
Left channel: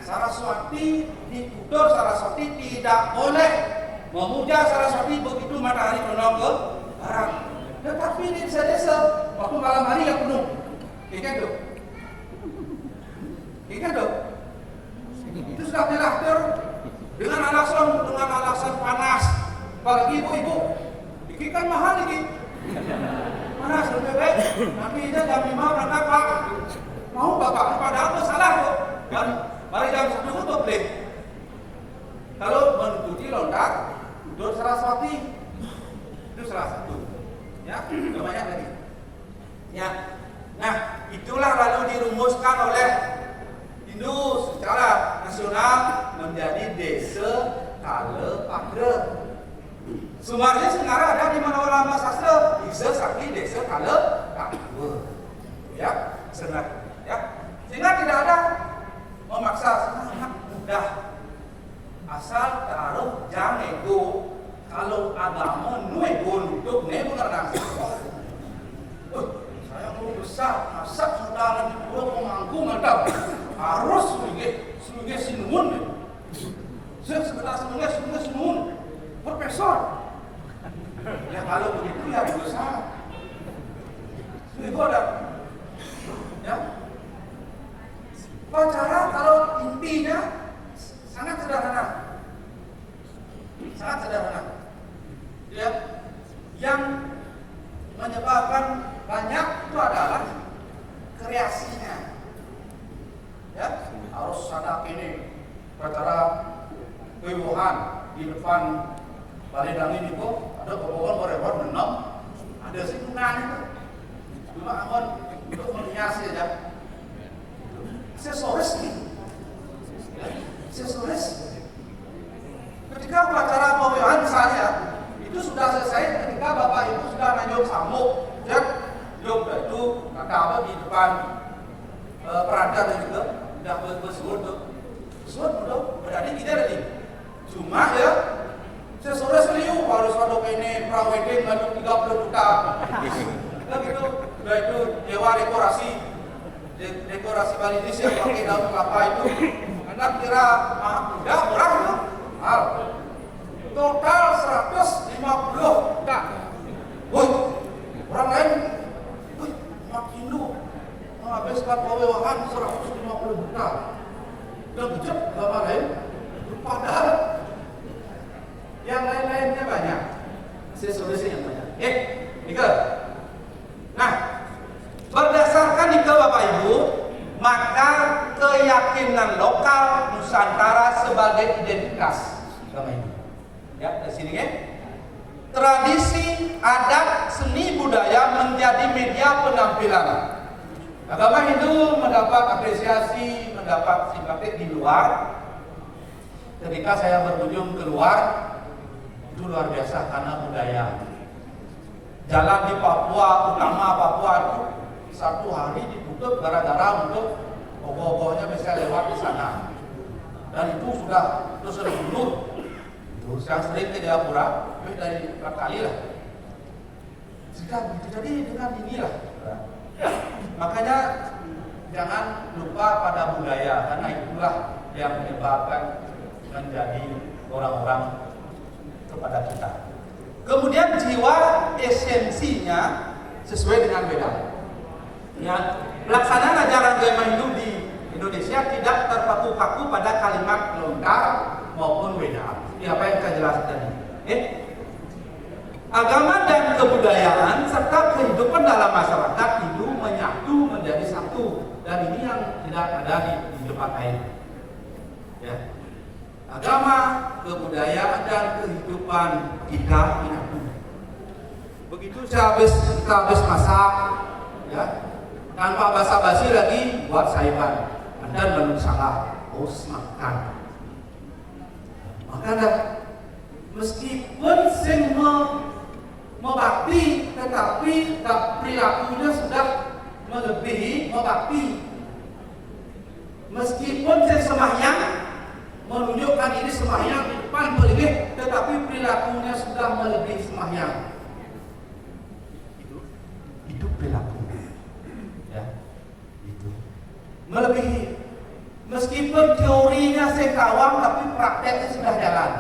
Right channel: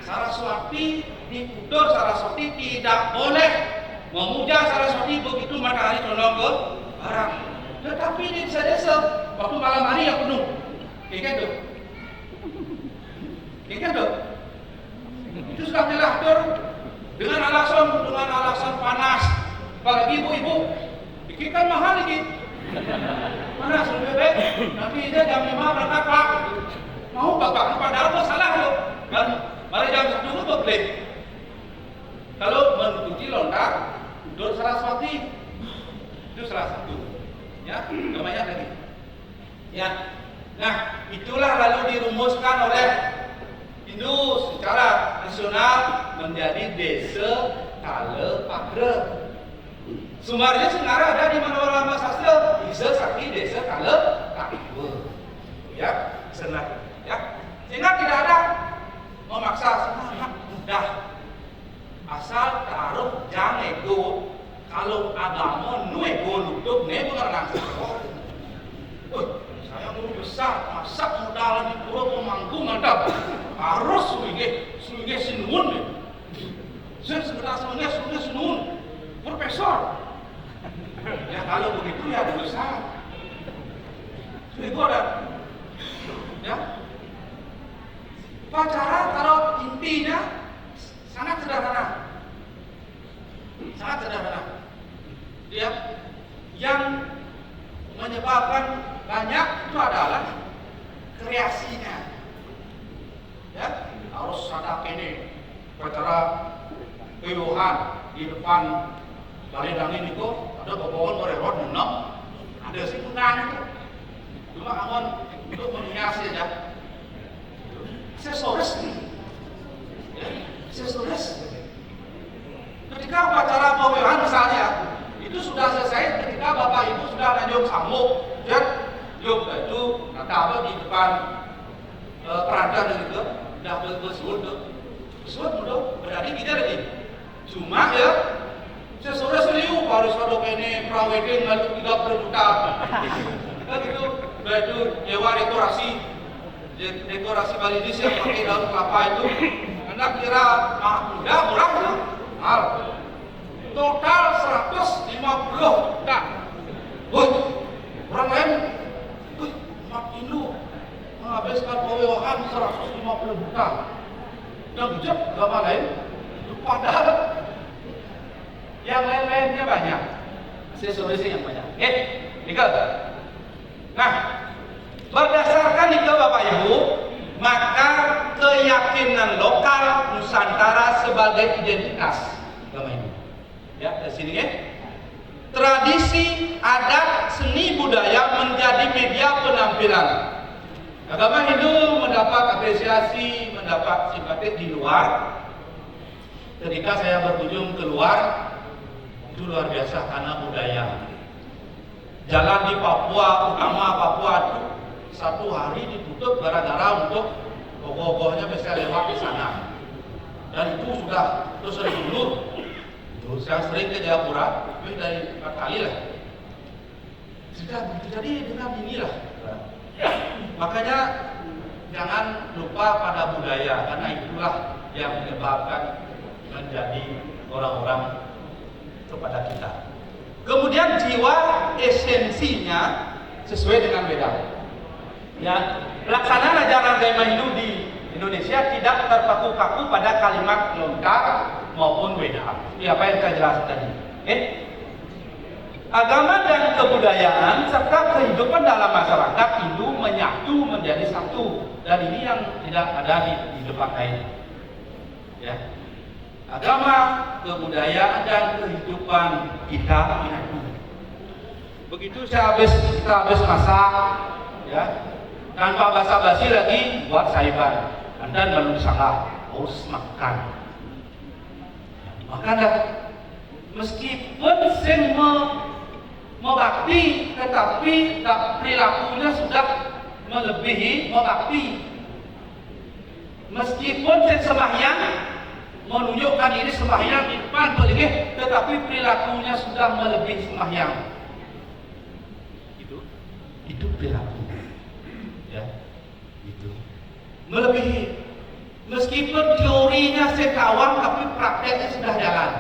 Saraswati dikudur, Saraswati tidak boleh memuja Saraswati begitu matahari condong ke barat. Tetapi di desa-desa waktu malam hari yang penuh, ikan tuh, itu sudah diatur dengan alasan panas. Apalagi ibu-ibu, ikan mahal lagi, panas lebih baik. Nanti dia jam 5 berangkat pak, mau bapak, padahal salah loh. Kan, mari jam 1 itu beli. Kalau mengikuti lontar, Dor Saraswati itu salah satu. Ya, namanya tadi. Ya. Nah, itulah lalu dirumuskan oleh Hindu secara nasional menjadi desa Kala Pagra. Sumbernya sebenarnya ada di Manora Sastra, desa Sakti desa Kala Pagra. Ya, senang. Ya. Sehingga tidak ada memaksa, sangat mudah. Asal taruh jangan ego. Kalau agama nu ego nutup ne benar langsung. Saya guru besar, masak sudah lagi turun memangku mantap. harus sebagai sinuun. Saya segera sebagai sinuun. Profesor. Ya kalau begitu ya berusaha. Itu ada. Ya. Pacaran kalau intinya sangat sederhana. Sangat sederhana. Ya. Yang menyebabkan banyak itu adalah kreasinya. Ya, harus ada ini pacara pewohan di depan balai dangin itu ada pohon bererot enam, ada singgungan itu. Cuma aman untuk menghias saja. Aksesoris, ya, aksesoris. Ketika upacara pewohan misalnya itu sudah selesai, ketika bapak ibu sudah lanjut sambung, dan yuk itu apa di depan peradan gitu, udah bersuut berarti kita lagi. Cuma ya, sesore serius harus ada ini prawedding lalu 30 juta, gitu. Udah itu nyewa dekorasi Balinis yang pakai daun kelapa itu, anak kira mudah murah tuh, mahal. Total 150 juta. Woi, orang lain, Mak Indo menghabiskan pewewahan 150 juta. Dan bijak gak lain, padahal yang lain-lainnya banyak. Aksesorisnya yang banyak. Nikel. Nah, berdasarkan nikel Bapak Ibu, maka keyakinan lokal Nusantara sebagai identitas agama ini. Ya, dari sini ya. Tradisi, adat, seni budaya menjadi media penampilan. Agama Hindu mendapat apresiasi, mendapat simpati di luar. Ketika saya berkunjung keluar, itu luar biasa karena budaya. Jalan di Papua, utama Papua itu satu hari ditutup gara-gara untuk gogoh-gogohnya bisa lewat di sana. Dan itu sudah terus berjulur. Saya sering ke Jayapura, tapi dari 4 kali lah. Jadi dengan inilah. Makanya jangan lupa pada budaya, karena itulah yang menyebabkan menjadi orang-orang kepada kita. Kemudian jiwa esensinya sesuai dengan beda. Ya, pelaksanaan ajaran agama Hindu di Indonesia tidak terpaku-paku pada kalimat lengkap maupun beda. Ya, apa yang saya jelaskan tadi. Agama dan kebudayaan serta kehidupan dalam masyarakat itu menyatu menjadi satu, dan ini yang tidak ada di tempat lain. Ya. Agama, kebudayaan dan kehidupan kita menyatu. Begitu kita habis masak, ya, tanpa basa-basi lagi buat saiban. Anda belum salah, harus makan. Makanya meskipun membakti, tetapi perilakunya sudah melebihi membakti. Meskipun sembahyang menunjukkan diri sembahyang di depan beliau, tetapi perilakunya sudah melebihi sembahyang. Itu perilaku, ya, itu melebihi. Meskipun teorinya sekawang, tapi prakteknya sudah jalan.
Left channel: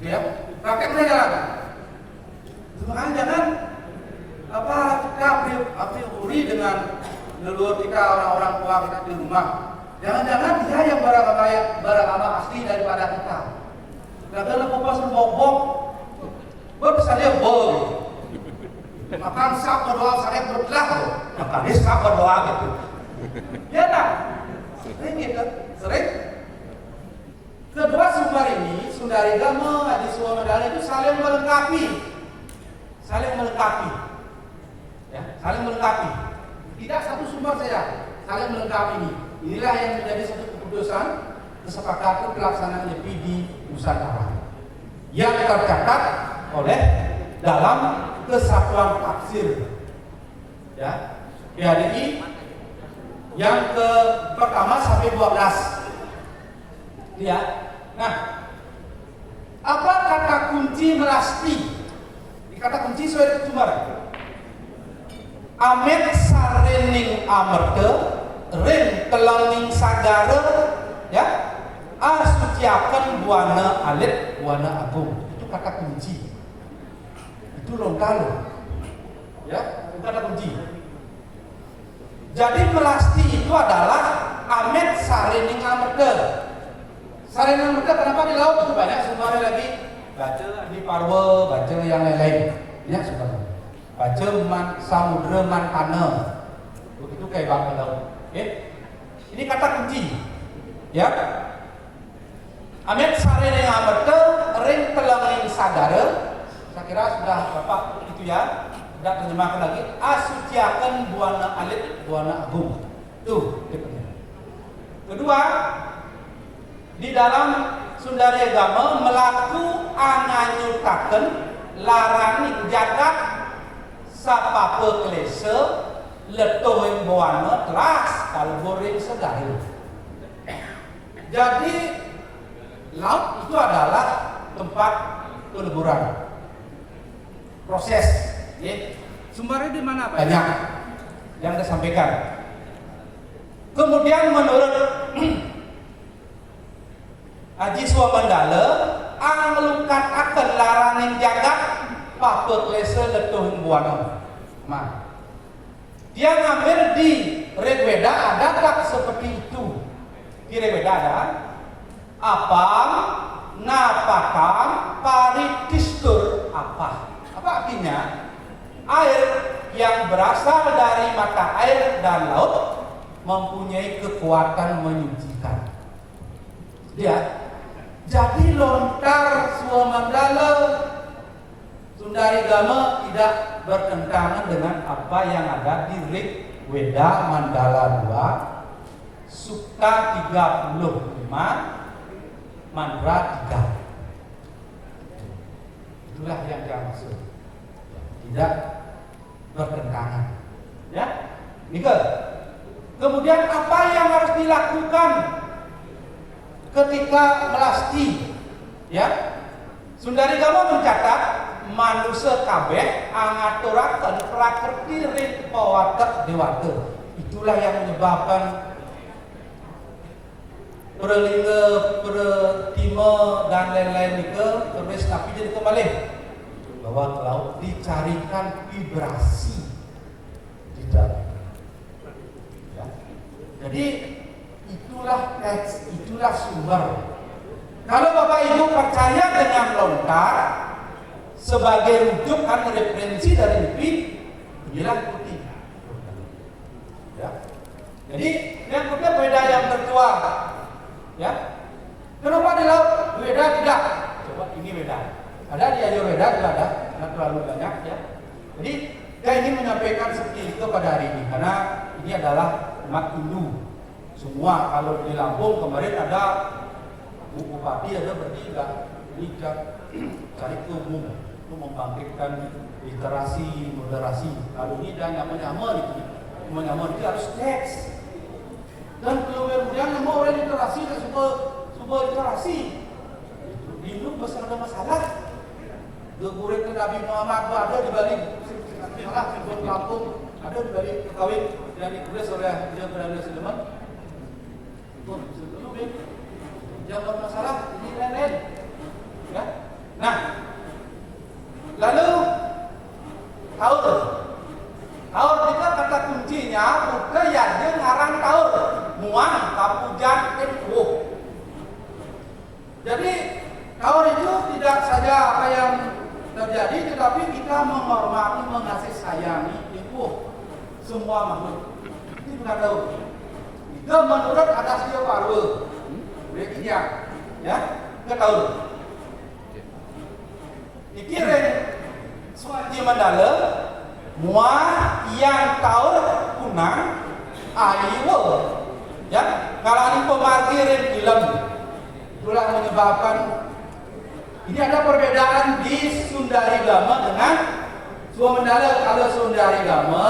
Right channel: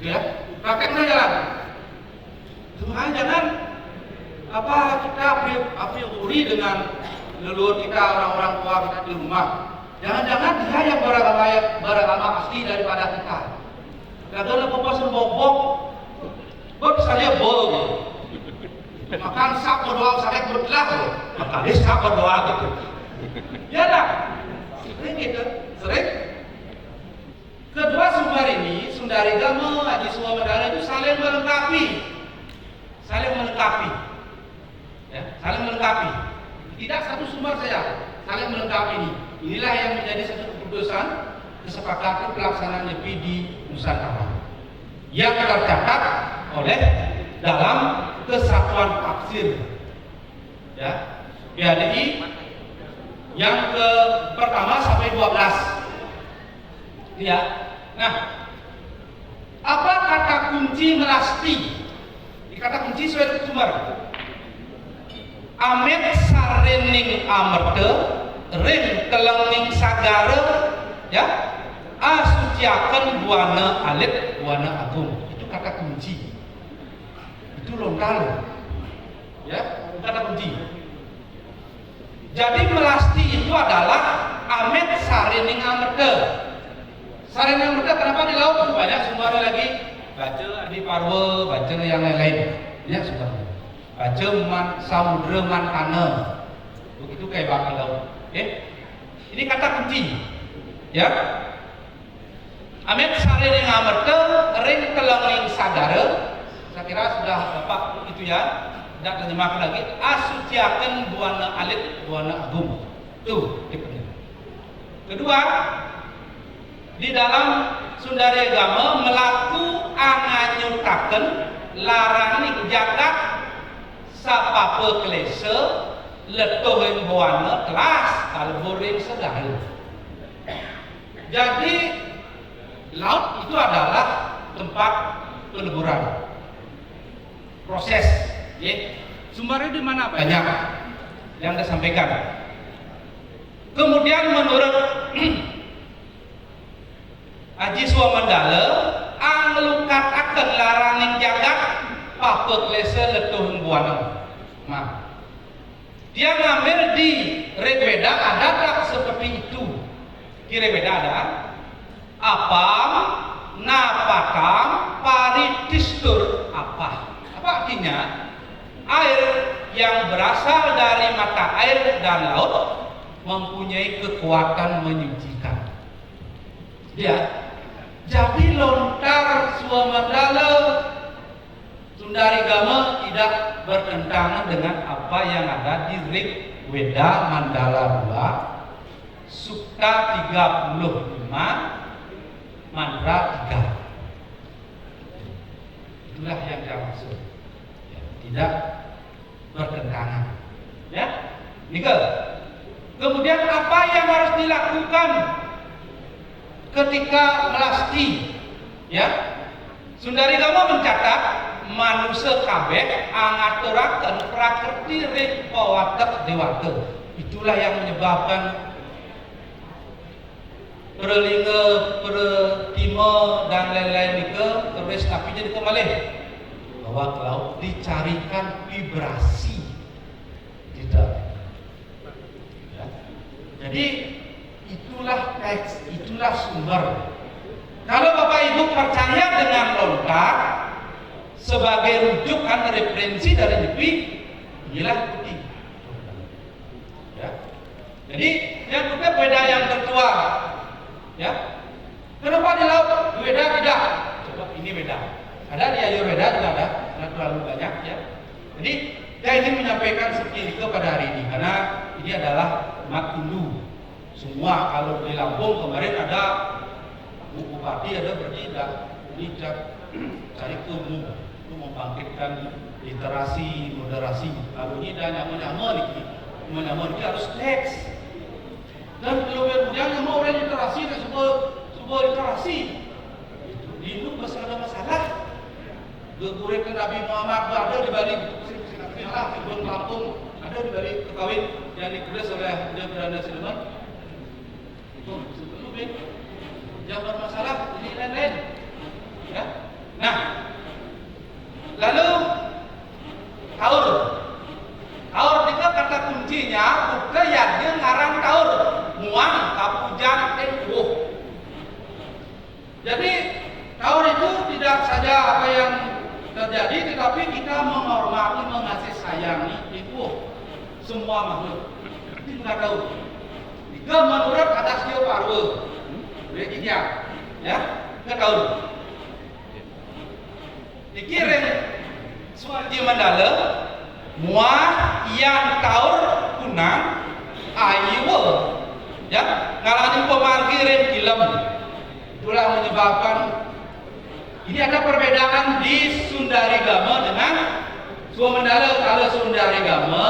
Ya, prakteknya jalan. Cuma jangan kita priori dengan leluhur kita, orang-orang tua kita di rumah. Jangan-jangan dia yang beragama asli daripada kita. Kadang lepas bobok, bisa dia bol. Makan sak berdoa sakit berbelah, maka dia sak berdoa gitu. Ya dah, sering gitu, sering. Kedua sumber ini, Sundari Dhamma, Haji Swamedana itu saling melengkapi, ya, saling melengkapi. Tidak satu sumber saja, saling melengkapi ini. Inilah yang menjadi satu keputusan kesepakatan pelaksanaan LIPI di Nusantara yang tercatat oleh dalam kesatuan tafsir, ya, PADI yang ke pertama sampai 12. Ya. Nah, apa kata kunci melasti? Di kata kunci sesuai sumber. Amet sarening amerte ring telenging sagara ya asuciaken buana alit buana agung. Itu kata kunci. Itu lontar ya, kata kunci. Jadi melasti itu adalah amet sarening amerte. Sarening amerte kenapa di laut? Banyak sumbernya lagi. Baca di Parwa, baca yang lain-lain. Ya sumbernya. Baca samudra mantana. Begitu kayak bakal laut. Ini kata kunci. Ya. Amet sarening amerte ring telenging sagara. Saya kira sudah Bapak itu ya. Tidak terjemahkan lagi. Asuciaken buana alit buana agung. Tuh, kedua, di dalam Sundari Agama melaku anganyutaken laraning jagat sapapa klese letuhing buana kelas kalboring sedahil. Jadi laut itu adalah tempat peleburan. Proses, ya. Sumbernya di mana Pak? Banyak yang saya sampaikan. Kemudian menurut Haji Swamandala anglukat akan laraning jagat papa klese letuhun buana. Nah, dia ngambil di Rigveda ada tak seperti itu? Di Rigveda ada apam napakam paritistur apa? Apa artinya? Air yang berasal dari mata air dan laut mempunyai kekuatan menyucikan. Ya. Jadi lontar Swamandala Sundari Gama tidak bertentangan dengan apa yang ada di Rigveda Mandala 2 Sukta 35 Mandra 3. Itulah yang saya maksud. Ya, tidak bertentangan. Ya. Nika. Kemudian apa yang harus dilakukan ketika melasti? Ya. Sundari Gama mencatat manusia kabeh angaturaken prakriti ripawatek dewata. Itulah yang menyebabkan perlinga, pertima dan lain-lain nika terus tapi jadi kembali bahwa ke laut dicarikan vibrasi tidak. Ya. Jadi itulah teks, itulah sumber. Kalau Bapak Ibu percaya dengan lontar sebagai rujukan referensi dari LIPI, inilah ikuti. Ya. Jadi yang kedua beda yang tertua. Ya. Kenapa di laut beda tidak? Coba ini beda. Ada di Ayurveda juga ada, karena terlalu banyak ya. Jadi saya ingin menyampaikan seperti itu pada hari ini karena ini adalah umat Hindu. Semua kalau di Lampung kemarin ada Bu Bupati ada bertindak, ini cari ilmu untuk membangkitkan literasi, moderasi. Kalau ini dan nyaman ini harus teks. Dan kemudian yang mau orang literasi dan sebuah literasi di Hindu masih ada masalah. Gegurek Nabi Muhammad ada di balik salah di Lampung ada di balik kekawin yang ditulis oleh Beliau Beranda Siluman. Itu lebih yang bermasalah ini lain-lain. Ya. Nah, lalu taur itu kata kuncinya bukan ya dia ngarang taur muang kapujan epuh. Jadi taur itu tidak saja apa yang terjadi, tetapi kita menghormati, mengasihi sayangi itu semua makhluk. Itu juga tahu. Jika menurut atas dia Parwa, begitu ya, kita tahu. Dikirim Swati Mandala, muah yang taur kunang ayu, ya, ngalani pemarkirin film. Itulah menyebabkan ini ada perbedaan di Sundari Gama dengan Swamandala. Kalau Sundari Gama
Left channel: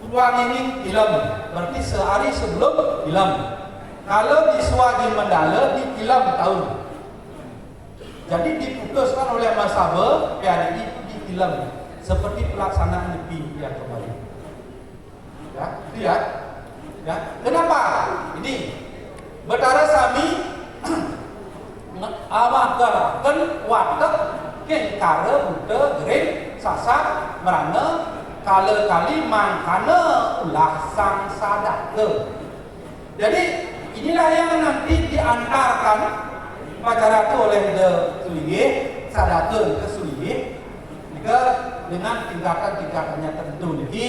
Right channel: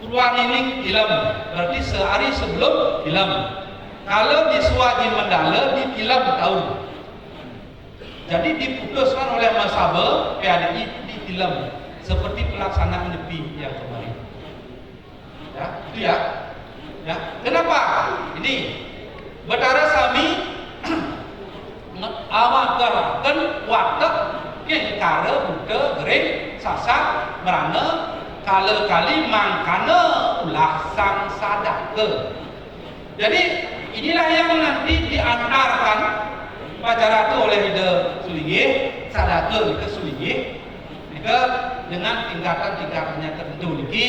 Purwan ini film, berarti sehari sebelum film. Kalau di Swati Mandala di film tahun. Jadi diputuskan oleh Mas Sabe PADI itu di film seperti pelaksanaan nyepi yang kemarin. Ya, itu ya. Ya, kenapa? Ini Betara Sami awagaraken watek yen kare buta gering sasak merana kali mangkana ulah sang sadake. Jadi inilah yang nanti diantarkan pacara itu oleh Ida Sulinggih, sadake Ida Sulinggih, dengan tingkatan-tingkatannya tertentu lagi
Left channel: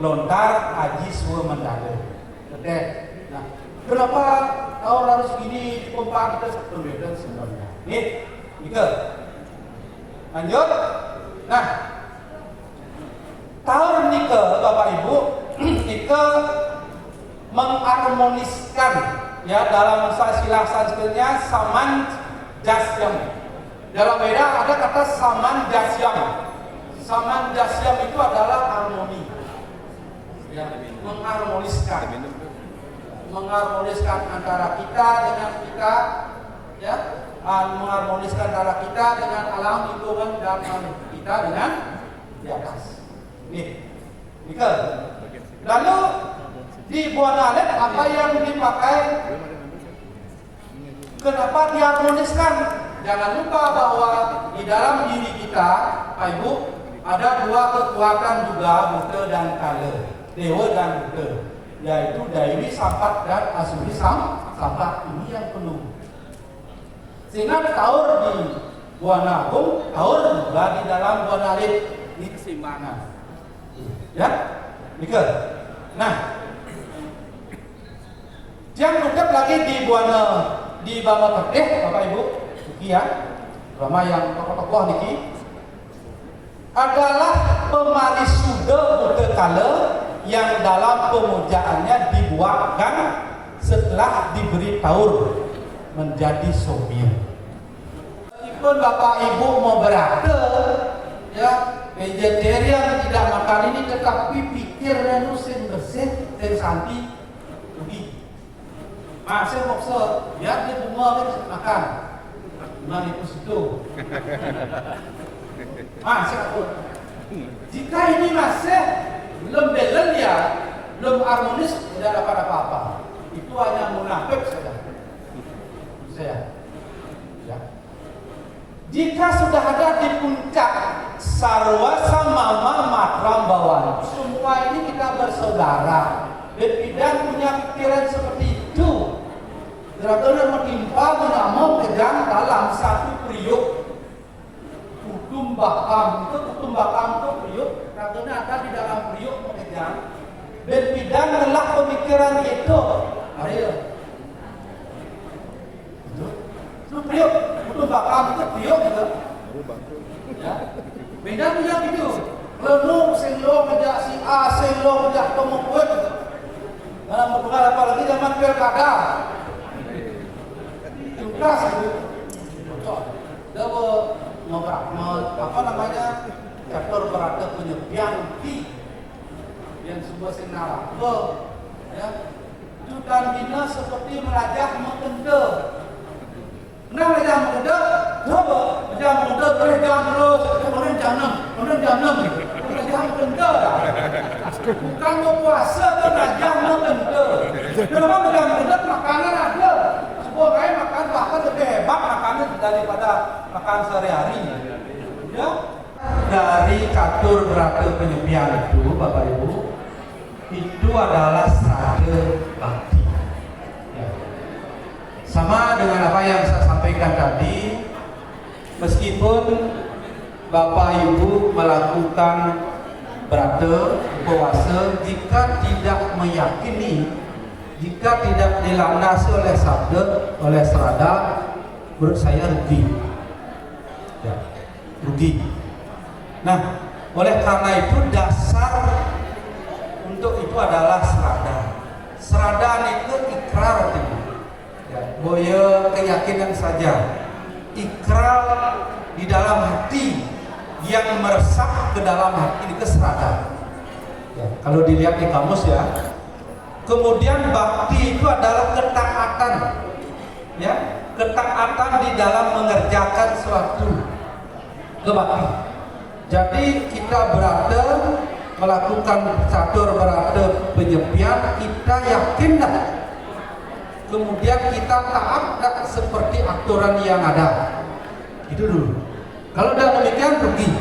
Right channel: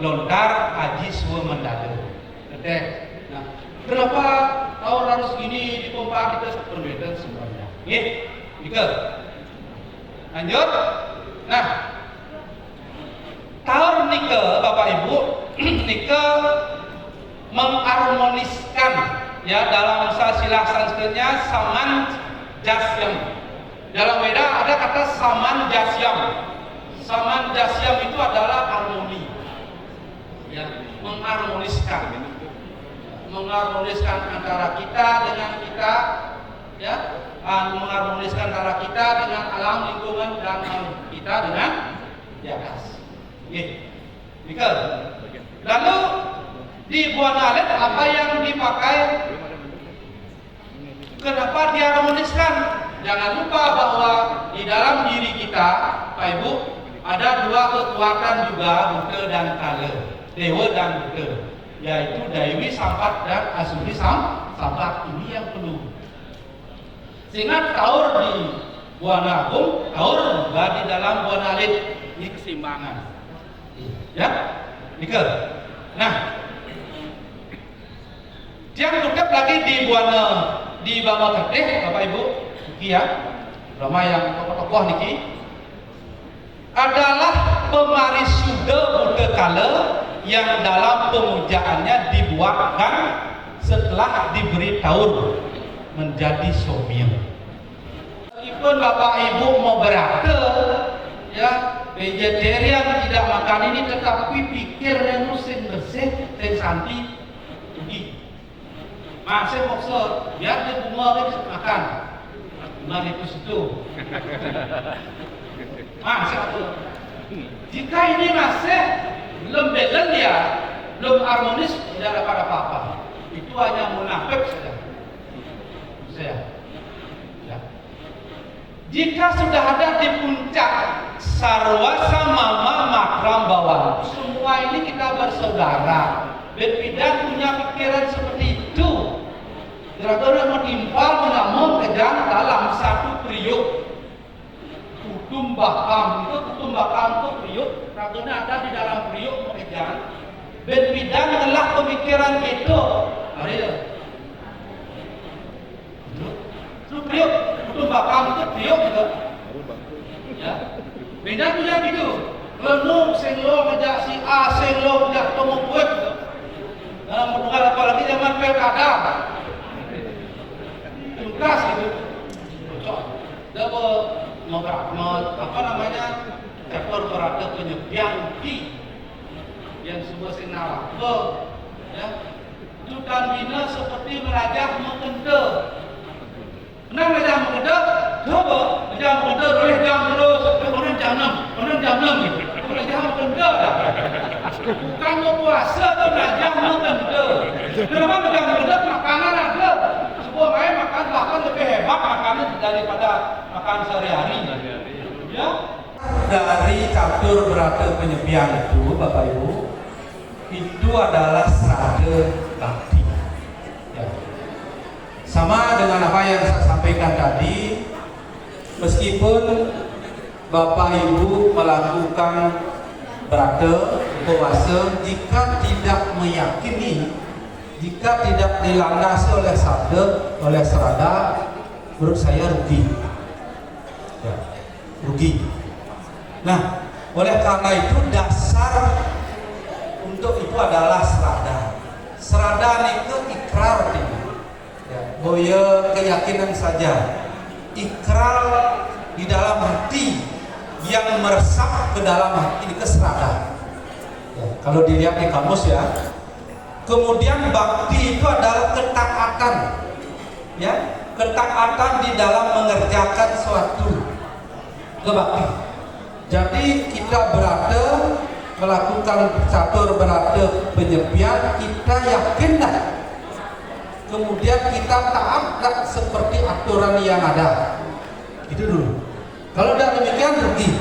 lontar haji suwe mendalu. Nah, kenapa tahun harus gini dipompa kita berbeda sebenarnya? Nika. Lanjut. Nah, tahun nika Bapak Ibu, nika mengharmoniskan ya dalam silsilah Sanskertnya saman jasyam. Dalam Weda ada kata saman jasyam. Saman jasyam itu adalah harmoni. Ya, mengharmoniskan antara kita dengan kita, ya, mengharmoniskan antara kita dengan alam lingkungan dan kita dengan di atas. Lalu di Buana Alit apa yang dipakai? Kenapa diharmoniskan? Jangan lupa bahwa di dalam diri kita, Pak Ibu, ada dua kekuatan juga, Buddha dan Kala, Dewa dan Buddha, yaitu Dewi Sampat dan Asuri Sampat. Ini yang perlu. Sehingga taur di Buana Agung, taur juga di dalam Buana Alit. Ini keseimbangan. Ya, Nika. Nah, yang tetap lagi di Buana di Bama Terteh, Bapak Ibu, ya, Rama yang tokoh-tokoh niki adalah pemarisuda Buddha Kala yang dalam pemujaannya dibuatkan setelah diberi taur menjadi somya. Meskipun Bapak Ibu mau berata, ya, vegetarian tidak makan ini, tetapi pikirnya sing bersih, sing santi, rugi. Masih maksud, biar dia bunga makan. Nah itu situ. Masih aku. Jika ini masih belum belen ya, belum harmonis, tidak dapat apa-apa. Itu hanya munafik saja. Ya. Jika sudah ada di puncak sarwa samama makram bawah, semua ini kita bersaudara. Berbeda punya pikiran seperti itu. Kira-kira menimpal mengamuk kejang dalam satu periuk. Kutum bakam itu periuk. Kira-kira ada di dalam periuk kejang. Berbeda mengelak pemikiran itu. Ayo. Itu periuk. Kutum bakam itu periuk gitu. Ya. Beda punya gitu. Lenung sing lo ngejak si A, sing lo ngejak temu kuat gitu. Nah, apalagi zaman pilkada. Tugas itu cocok. Apa namanya? Catur berada penyebiang ki yang semua sing naraka, ya. Itu bina seperti merajah mengenda. Kenapa merajah mengenda? Coba merajah mengenda boleh jam terus, kemudian jam 6, merajah mengenda dah. Bukan mau puasa tu merajah mengenda. Kenapa merajah mengenda? Makanan ada. Sebuah lain makan bahkan lebih hebat makannya daripada makan sehari-harinya. Ya. Dari catur berata penyepian itu, Bapak Ibu, itu adalah srada bakti. Ya. Sama dengan apa yang saya sampaikan tadi, meskipun Bapak Ibu melakukan berata puasa, jika tidak meyakini, jika tidak dilandasi oleh sabda, oleh serada, menurut saya rugi. Ya, rugi. Nah, oleh karena itu dasar untuk itu adalah serada. Serada itu ikrar, ya, boya keyakinan saja. Ikrar di dalam hati yang meresap ke dalam hati itu serada. Ya, kalau dilihat di kamus ya. Kemudian bakti itu adalah ketaatan, ya, ketaatan di dalam mengerjakan suatu kebakti. Jadi kita berada melakukan catur berada penyepian, kita yakin dah. Kemudian kita taat dah seperti aturan yang ada. Itu dulu. Kalau tidak demikian rugi.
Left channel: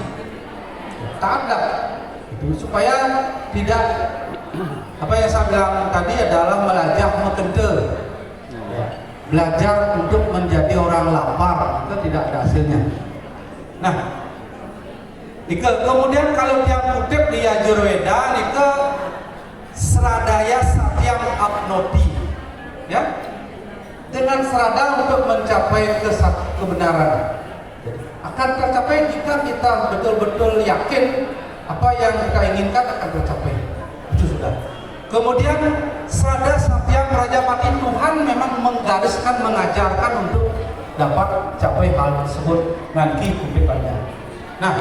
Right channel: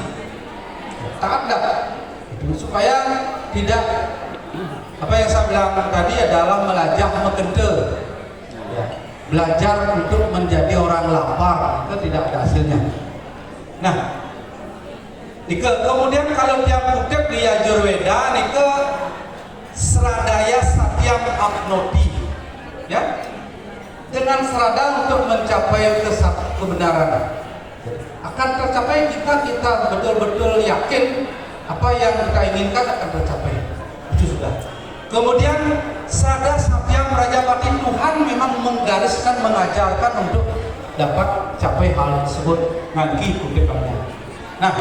Taat dah. Itu supaya tidak apa yang saya bilang tadi adalah melajah mekente. Ya. Belajar untuk menjadi orang lapar itu tidak ada hasilnya. Nah, kemudian kalau tiap kutip di Yajurveda nika Sradaya Satyam Apnoti, ya, dengan serada untuk mencapai kebenaran akan tercapai jika kita betul-betul yakin apa yang kita inginkan akan tercapai. Itu sudah. Kemudian Sada Satyam Rajapati, Tuhan memang menggariskan, mengajarkan untuk dapat capai hal tersebut nanti kutipannya. Nah,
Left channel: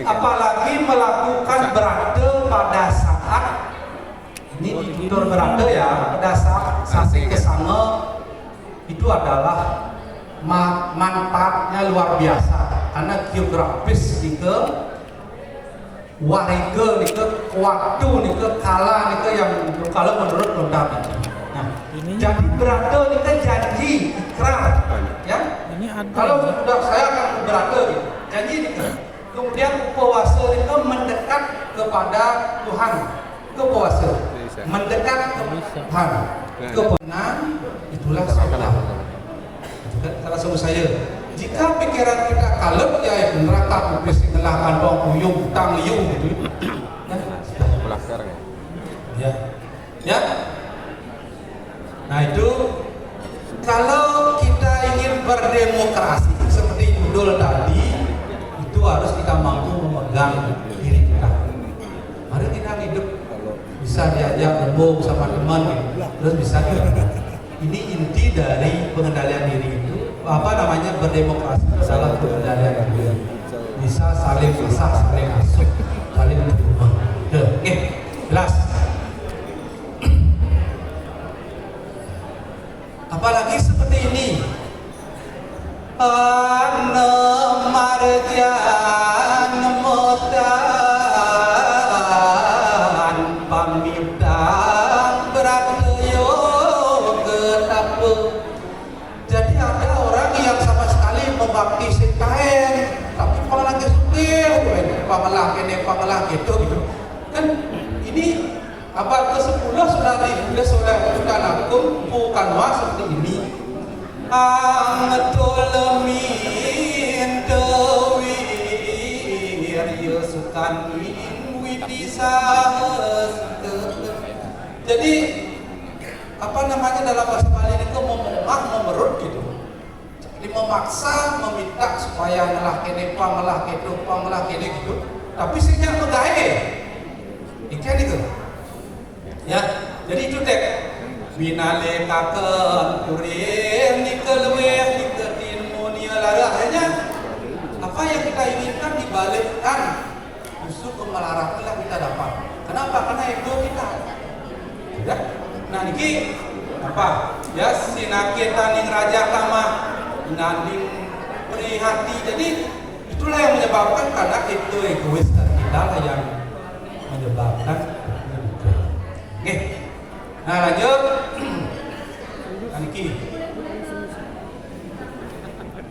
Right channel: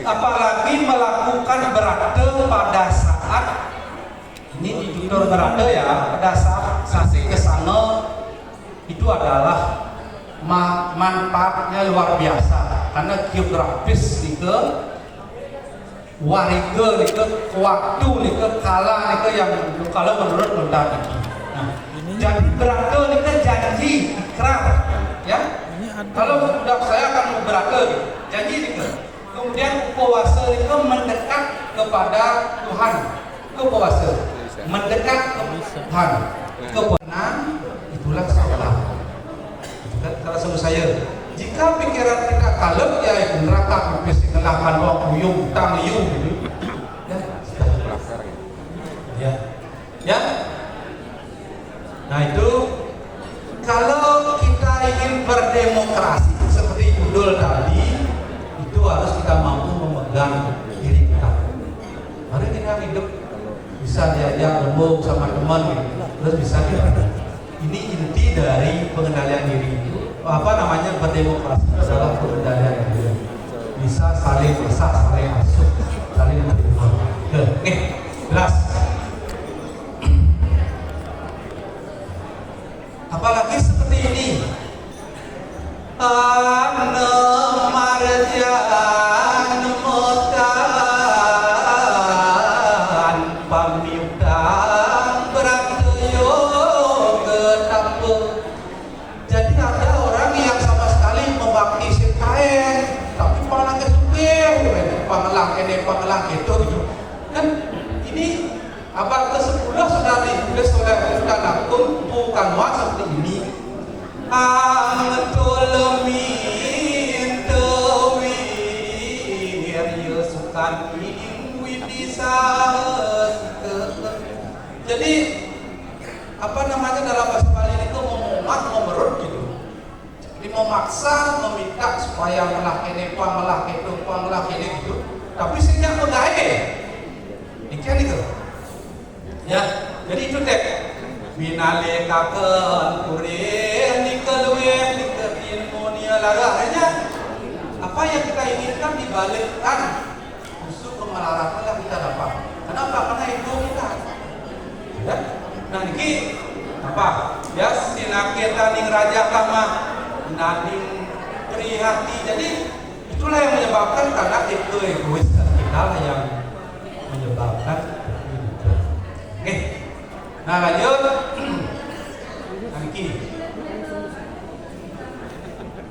apalagi melakukan berada pada saat ini di tutur berada ya, pada saat sampai ke sana itu adalah manfaatnya luar biasa karena geografis itu warga itu waktu itu kala itu yang kalau menurut London. Nah, jadi berada itu janji ikrar ya. Kalau sudah saya akan berada janji itu. Kemudian puasa itu mendekat kepada Tuhan. Puasa mendekat ke Tuhan. Kebenaran itulah sholat. Kalau sebut saya, jika pikiran kita kalem ya itu neraka kupis nelakan bawang kuyung, tang liung gitu. Ya. Nah itu kalau kita ingin berdemokrasi seperti judul tadi, itu harus kita mampu memegang diri kita. Mari kita hidup bisa diajak rembuk sama teman gitu. Terus bisa kita. Ini inti dari pengendalian diri itu. Apa namanya berdemokrasi itu adalah pengendalian diri. Bisa saling masak, saling masuk, saling menerima. Oke, jelas. Apalagi seperti ini. Marjan motan pamiutang beratyo ketapu. Jadi ada orang yang sama sekali membakti sekaen, tapi pangelang kesukil, pangelang gitu. Kan ini abad ke-10 sudah ditulis oleh Buddha Nakum, bukan seperti ini. Angtolomin dewir yusukan widisa. Jadi apa namanya dalam bahasa Bali itu memerut gitu. Jadi memaksa, meminta supaya melah kene gitu. Tapi sehingga pegae. Ikan itu. Ya, jadi itu deh. Binale kaken kurin dikelwe diketin dunia lara. Akhirnya apa yang kita inginkan dibalikkan justru kemelaratan yang kita dapat. Kenapa? Karena ego kita. Ya? Nah ini apa? Ya sinakita ning raja kama nanding prihati. Jadi itulah yang menyebabkan karena itu egois kita lah yang menyebabkan. Oke. Nah lanjut.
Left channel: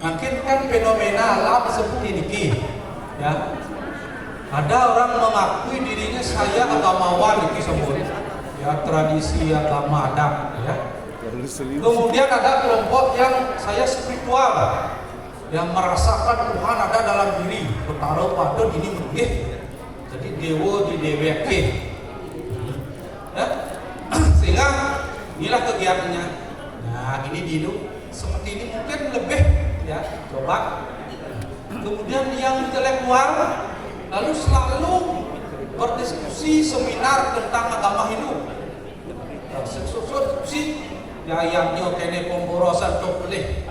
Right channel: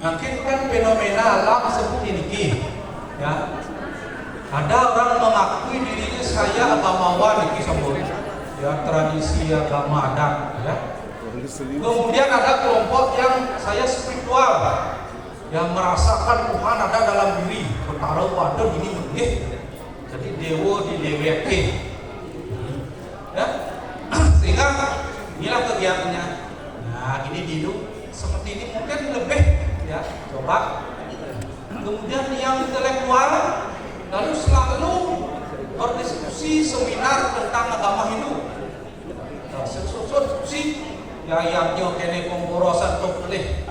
Mungkin kan fenomena alam seperti ini, ya. Ada orang mengakui dirinya saya agamawan, ini sebut, ya tradisi agama adat, ya. Kemudian ada kelompok yang saya spiritual, yang merasakan Tuhan ada dalam diri, bertaruh pada ini boleh, jadi dewa di DWP, ya. Sehingga inilah kegiatannya. Nah ini hidup seperti ini mungkin lebih ya coba. Kemudian yang intelektual lalu selalu berdiskusi seminar tentang agama hidup. Diskusi ya yang kene pemborosan boleh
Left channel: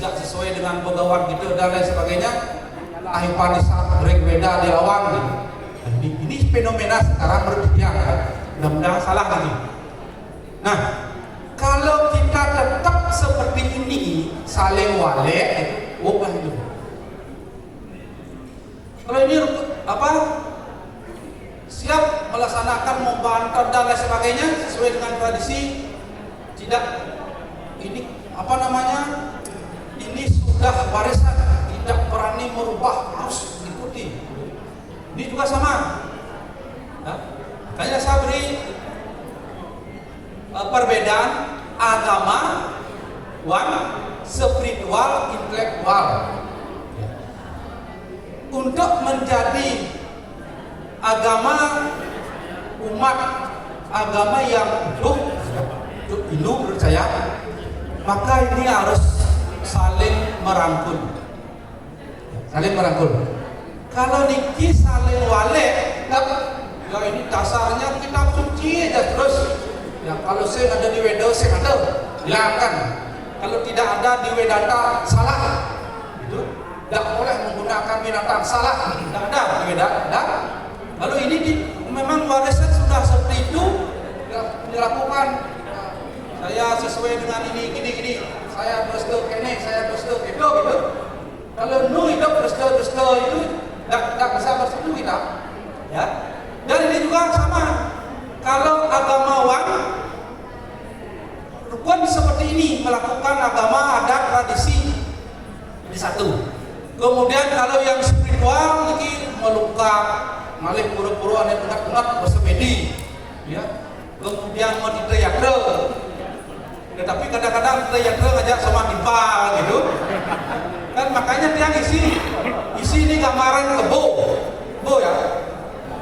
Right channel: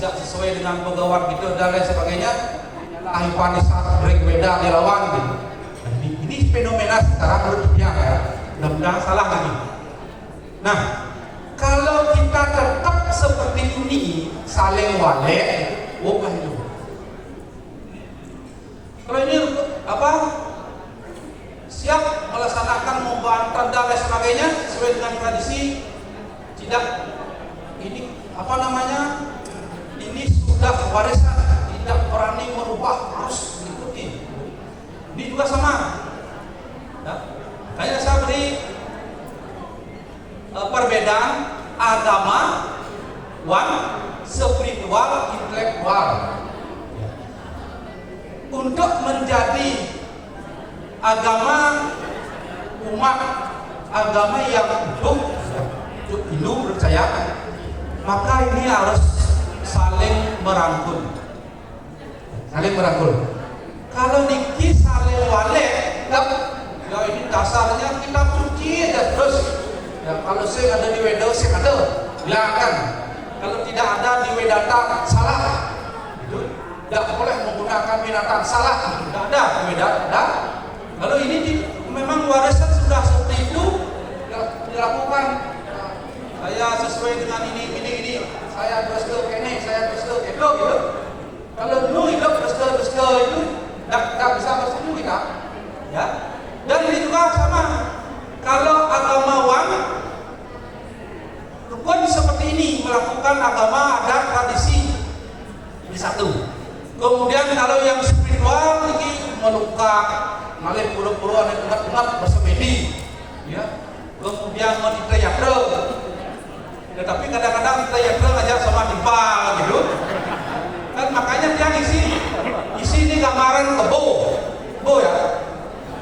sesuai dengan pegawai gitu dan lain sebagainya. Ahipanisat berbeda dilawan gitu. Ini fenomena sekarang menurut dia ya. Mudah-mudahan salah lagi. Nah, kalau kita tetap seperti ini, saling walek, bukan itu. perda dan sebagainya sesuai dengan tradisi. Tidak, ini apa namanya? Ini sudah warisan, tidak berani merubah, harus diikuti. Ini juga sama. Ya. Makanya saya beri perbedaan agama, spiritual, intelektual. Untuk menjadi agama umat agama yang hidup percaya, maka ini harus saling merangkul. Kalau niki saling walek, ya ini dasarnya kita suci aja terus. Ya kalau saya ada di Wedo, saya ada, silakan. Kalau tidak ada di Wedata, salah. Gitu. Tidak boleh menggunakan binatang, salah. Tidak ada di Wedata. Kalau ini memang warisan sudah seperti itu dilakukan. Saya sesuai dengan ini. Saya terus ke kene, saya terus ke itu gitu. Kalau nu hidup terus itu tidak bisa bersatu kita. Ya. Dan ini juga sama. Kalau agamawan rukun seperti ini melakukan agama adat tradisi ini satu. Kemudian kalau yang spiritual ini meluka, malih pura-pura dan unak-unak bersemedi, ya. Kemudian mau ditayakre, tetapi kadang-kadang ditayakre ngajak sama dimpa gitu. Kan makanya dia isi ini gambaran kebo ya.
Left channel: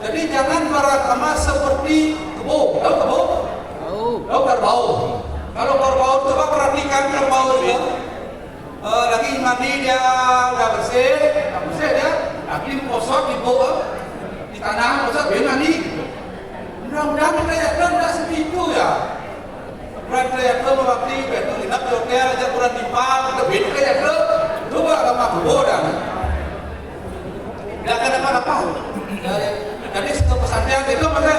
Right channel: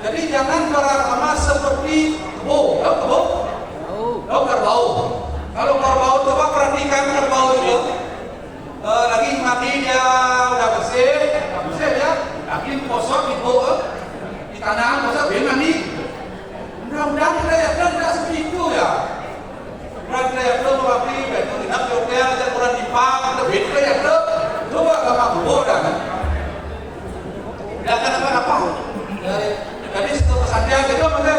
Jadi jangan beragama seperti kebo, tahu kebo? Tahu kerbau. Kalau kerbau coba perhatikan kerbau itu, lagi mandi dia udah bersih dia, lagi kosong di bawah, di tanah kosong dia mandi. Mudah-mudahan kita ya udah seperti itu ya. Berarti ya mewakili itu dinap hotel aja kurang dipang, lebih kita ya coba bapak kebo dan. Tidak ada apa-apa. Jadi setelah pesantren itu maksudnya,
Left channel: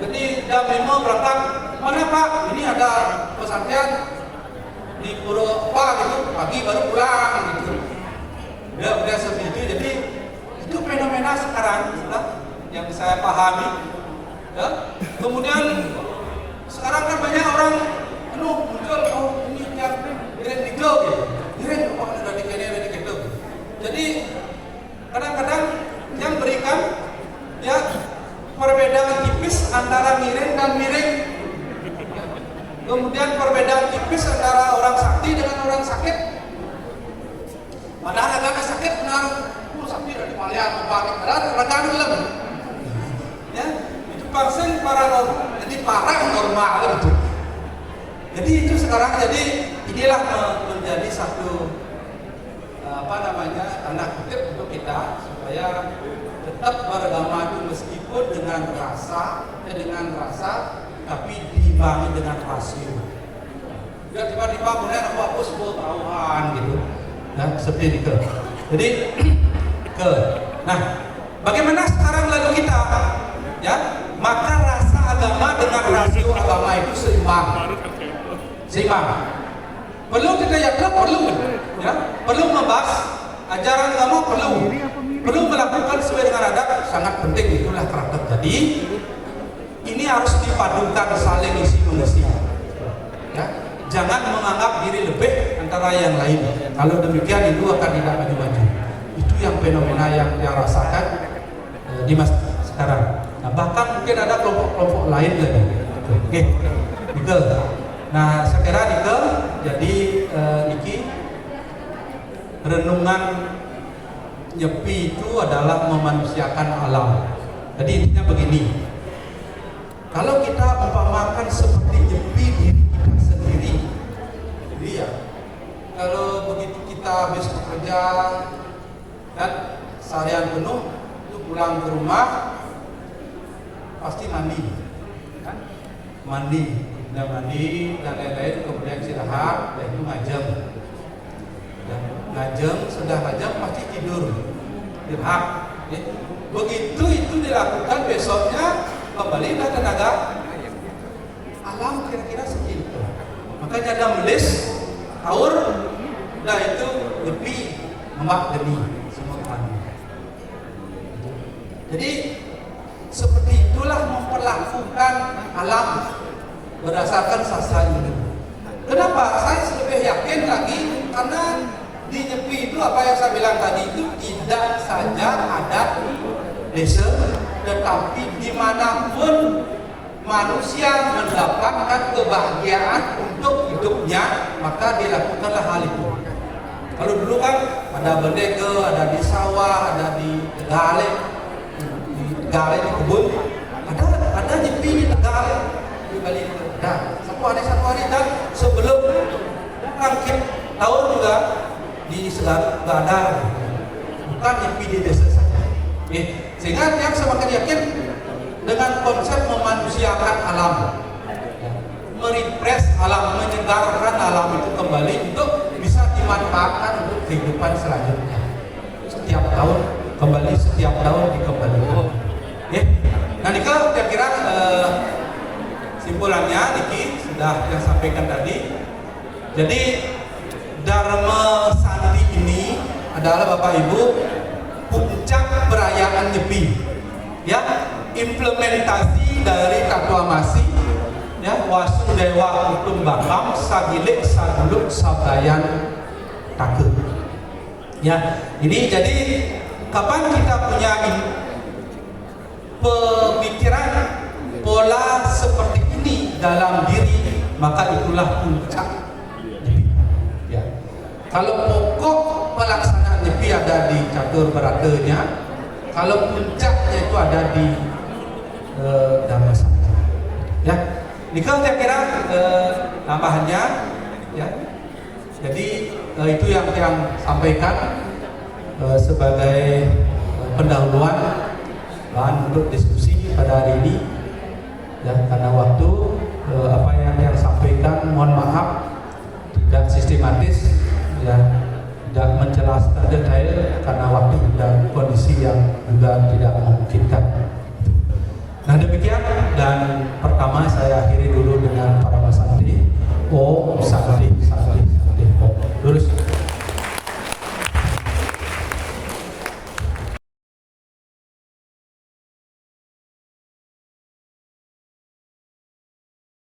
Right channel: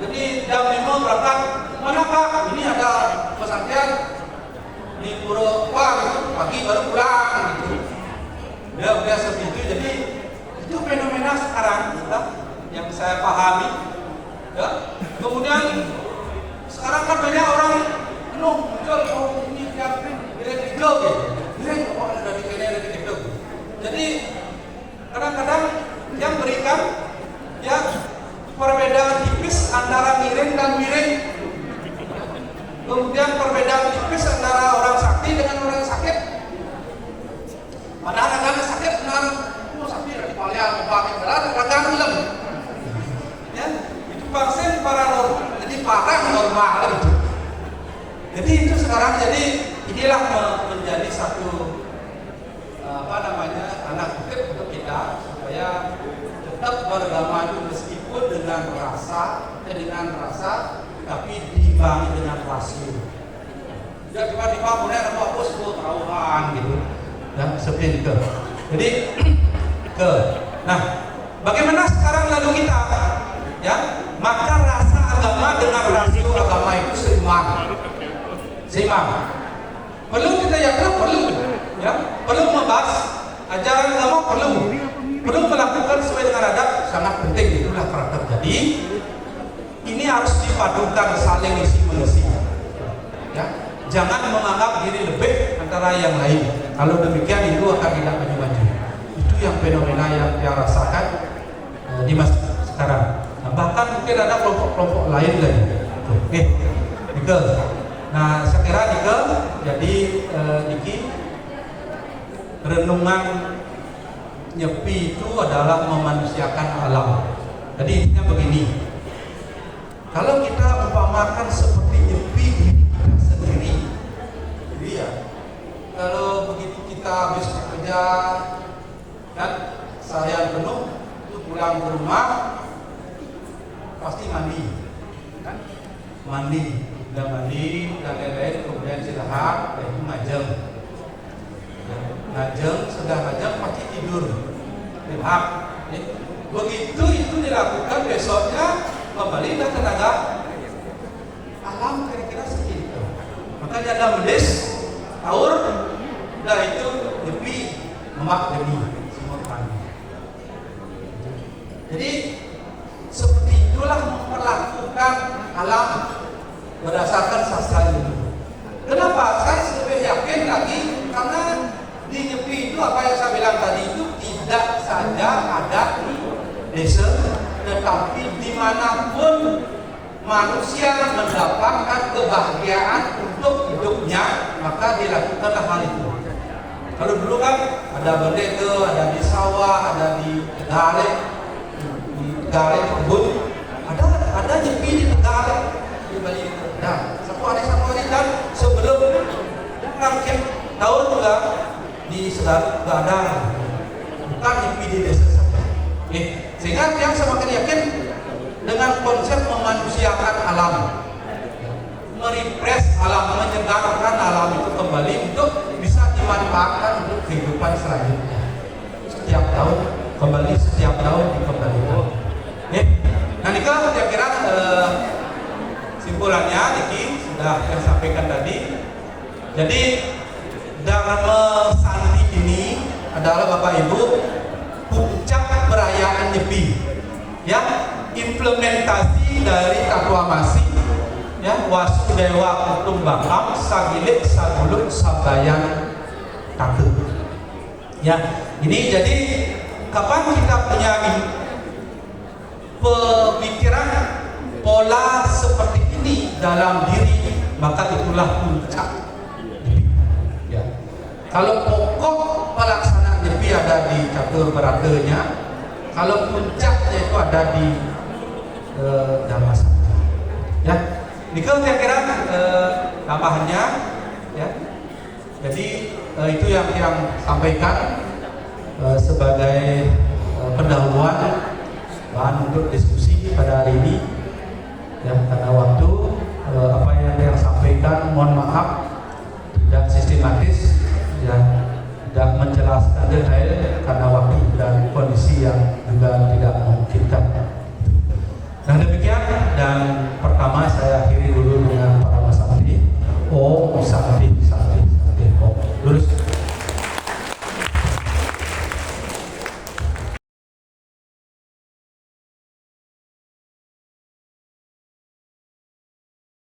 jadi jam 5 berangkat, mana Pak? Ini ada pesantren di Pura apa gitu, pagi baru pulang gitu. Udah seperti itu, jadi itu fenomena sekarang yang saya pahami. Ya. Kemudian sekarang kan banyak orang muncul, ini tiap giring gitu, ada di kene, ada di gitu. Jadi kadang-kadang yang berikan ya perbedaan tipis antara miring dan miring. Kemudian perbedaan tipis antara orang sakti dengan orang sakit. Padahal agama sakit dengan sakti dari palian, kadang film. Ya, itu vaksin para normal, jadi parah normal gitu. Jadi itu sekarang inilah menjadi satu anak kutip untuk kita supaya tetap beragama itu meskipun dengan rasa tapi diimbangi dengan rasio. Tidak tiba-tiba kemudian apa sebut taruhan gitu. Nah, seperti itu. Jadi nah, bagaimana sekarang lalu kita ya? Maka rasa agama dengan rasio agama itu seimbang. Perlu kita yakin perlu membahas ajaran agama perlu melakukan sesuai dengan adat sangat penting, itulah karakter. Jadi ini harus dipadukan saling isi mengisi. Ya, jangan menganggap diri lebih antara yang lain. Kalau demikian itu akan tidak maju-maju. Itu yang fenomena yang rasakan di masa sekarang. Nah, bahkan mungkin ada kelompok-kelompok lain lagi. Oke, Nike. Nah, saya kira Nike jadi Niki renungan nyepi itu adalah memanusiakan alam. Jadi intinya begini, kalau kita umpamakan seperti nyepi diri kita sendiri, jadi ya kalau begitu kita habis bekerja dan seharian penuh, itu pulang ke rumah pasti mandi, kan? Mandi dan lain-lain, kemudian istirahat, dan itu ngajem. Sudah ngajak pasti tidur, dirhak. Ya. Begitu itu dilakukan besoknya kembali ke tenaga alam kira-kira segitu. Makanya ada melis, taur, dan itu lebih emak demi semua kami. Jadi seperti itulah memperlakukan melakukan alam berdasarkan sastra ini. Kenapa? Saya lebih yakin lagi karena di Nyepi itu apa yang saya bilang tadi itu tidak saja ada desa, tetapi dimanapun manusia mendapatkan kebahagiaan untuk hidupnya, maka dilakukanlah hal itu. Kalau dulu kan ada bendeke, ada di sawah, ada di Tegalek, di kebun, ada Nyepi di Tegalek, di Bali. Nah, satu hari dan sebelum akhir tahun juga di Segar juga ada, bukan Nyepi di desa saja. Sehingga yang semakin yakin dengan konsep memanusiakan alam, merefresh alam, menyegarkan alam itu kembali untuk bisa dimanfaatkan untuk kehidupan selanjutnya. Setiap tahun dikembalikan. Nah, ini kan kira-kira simpulannya Niki sudah saya sampaikan tadi. Jadi Dharma Santi ini adalah Bapak Ibu puncak perayaan Nyepi, ya, implementasi dari Takuamasi, ya, Wasudewa Kutung Bakam Sagilik Sagulut Sabayan Takut. Ya, ini jadi kapan kita punya pemikiran pola seperti ini dalam diri, maka itulah puncak Nyepi. Ya. Kalau pokok pelaksanaan Nyepi ada di catur beratanya, kalau puncaknya itu ada di Dharma Santi. Ya, ini kan saya kira tambahannya, ya. Jadi itu yang sampaikan sebagai pendahuluan bahan untuk diskusi pada hari ini. Ya, karena waktu apa yang sampaikan mohon maaf tidak sistematis, ya, tidak menjelaskan detail karena waktu dan kondisi yang juga tidak memungkinkan. Nah, demikian, dan pertama saya akhiri dulu dengan para Mas Santri. Om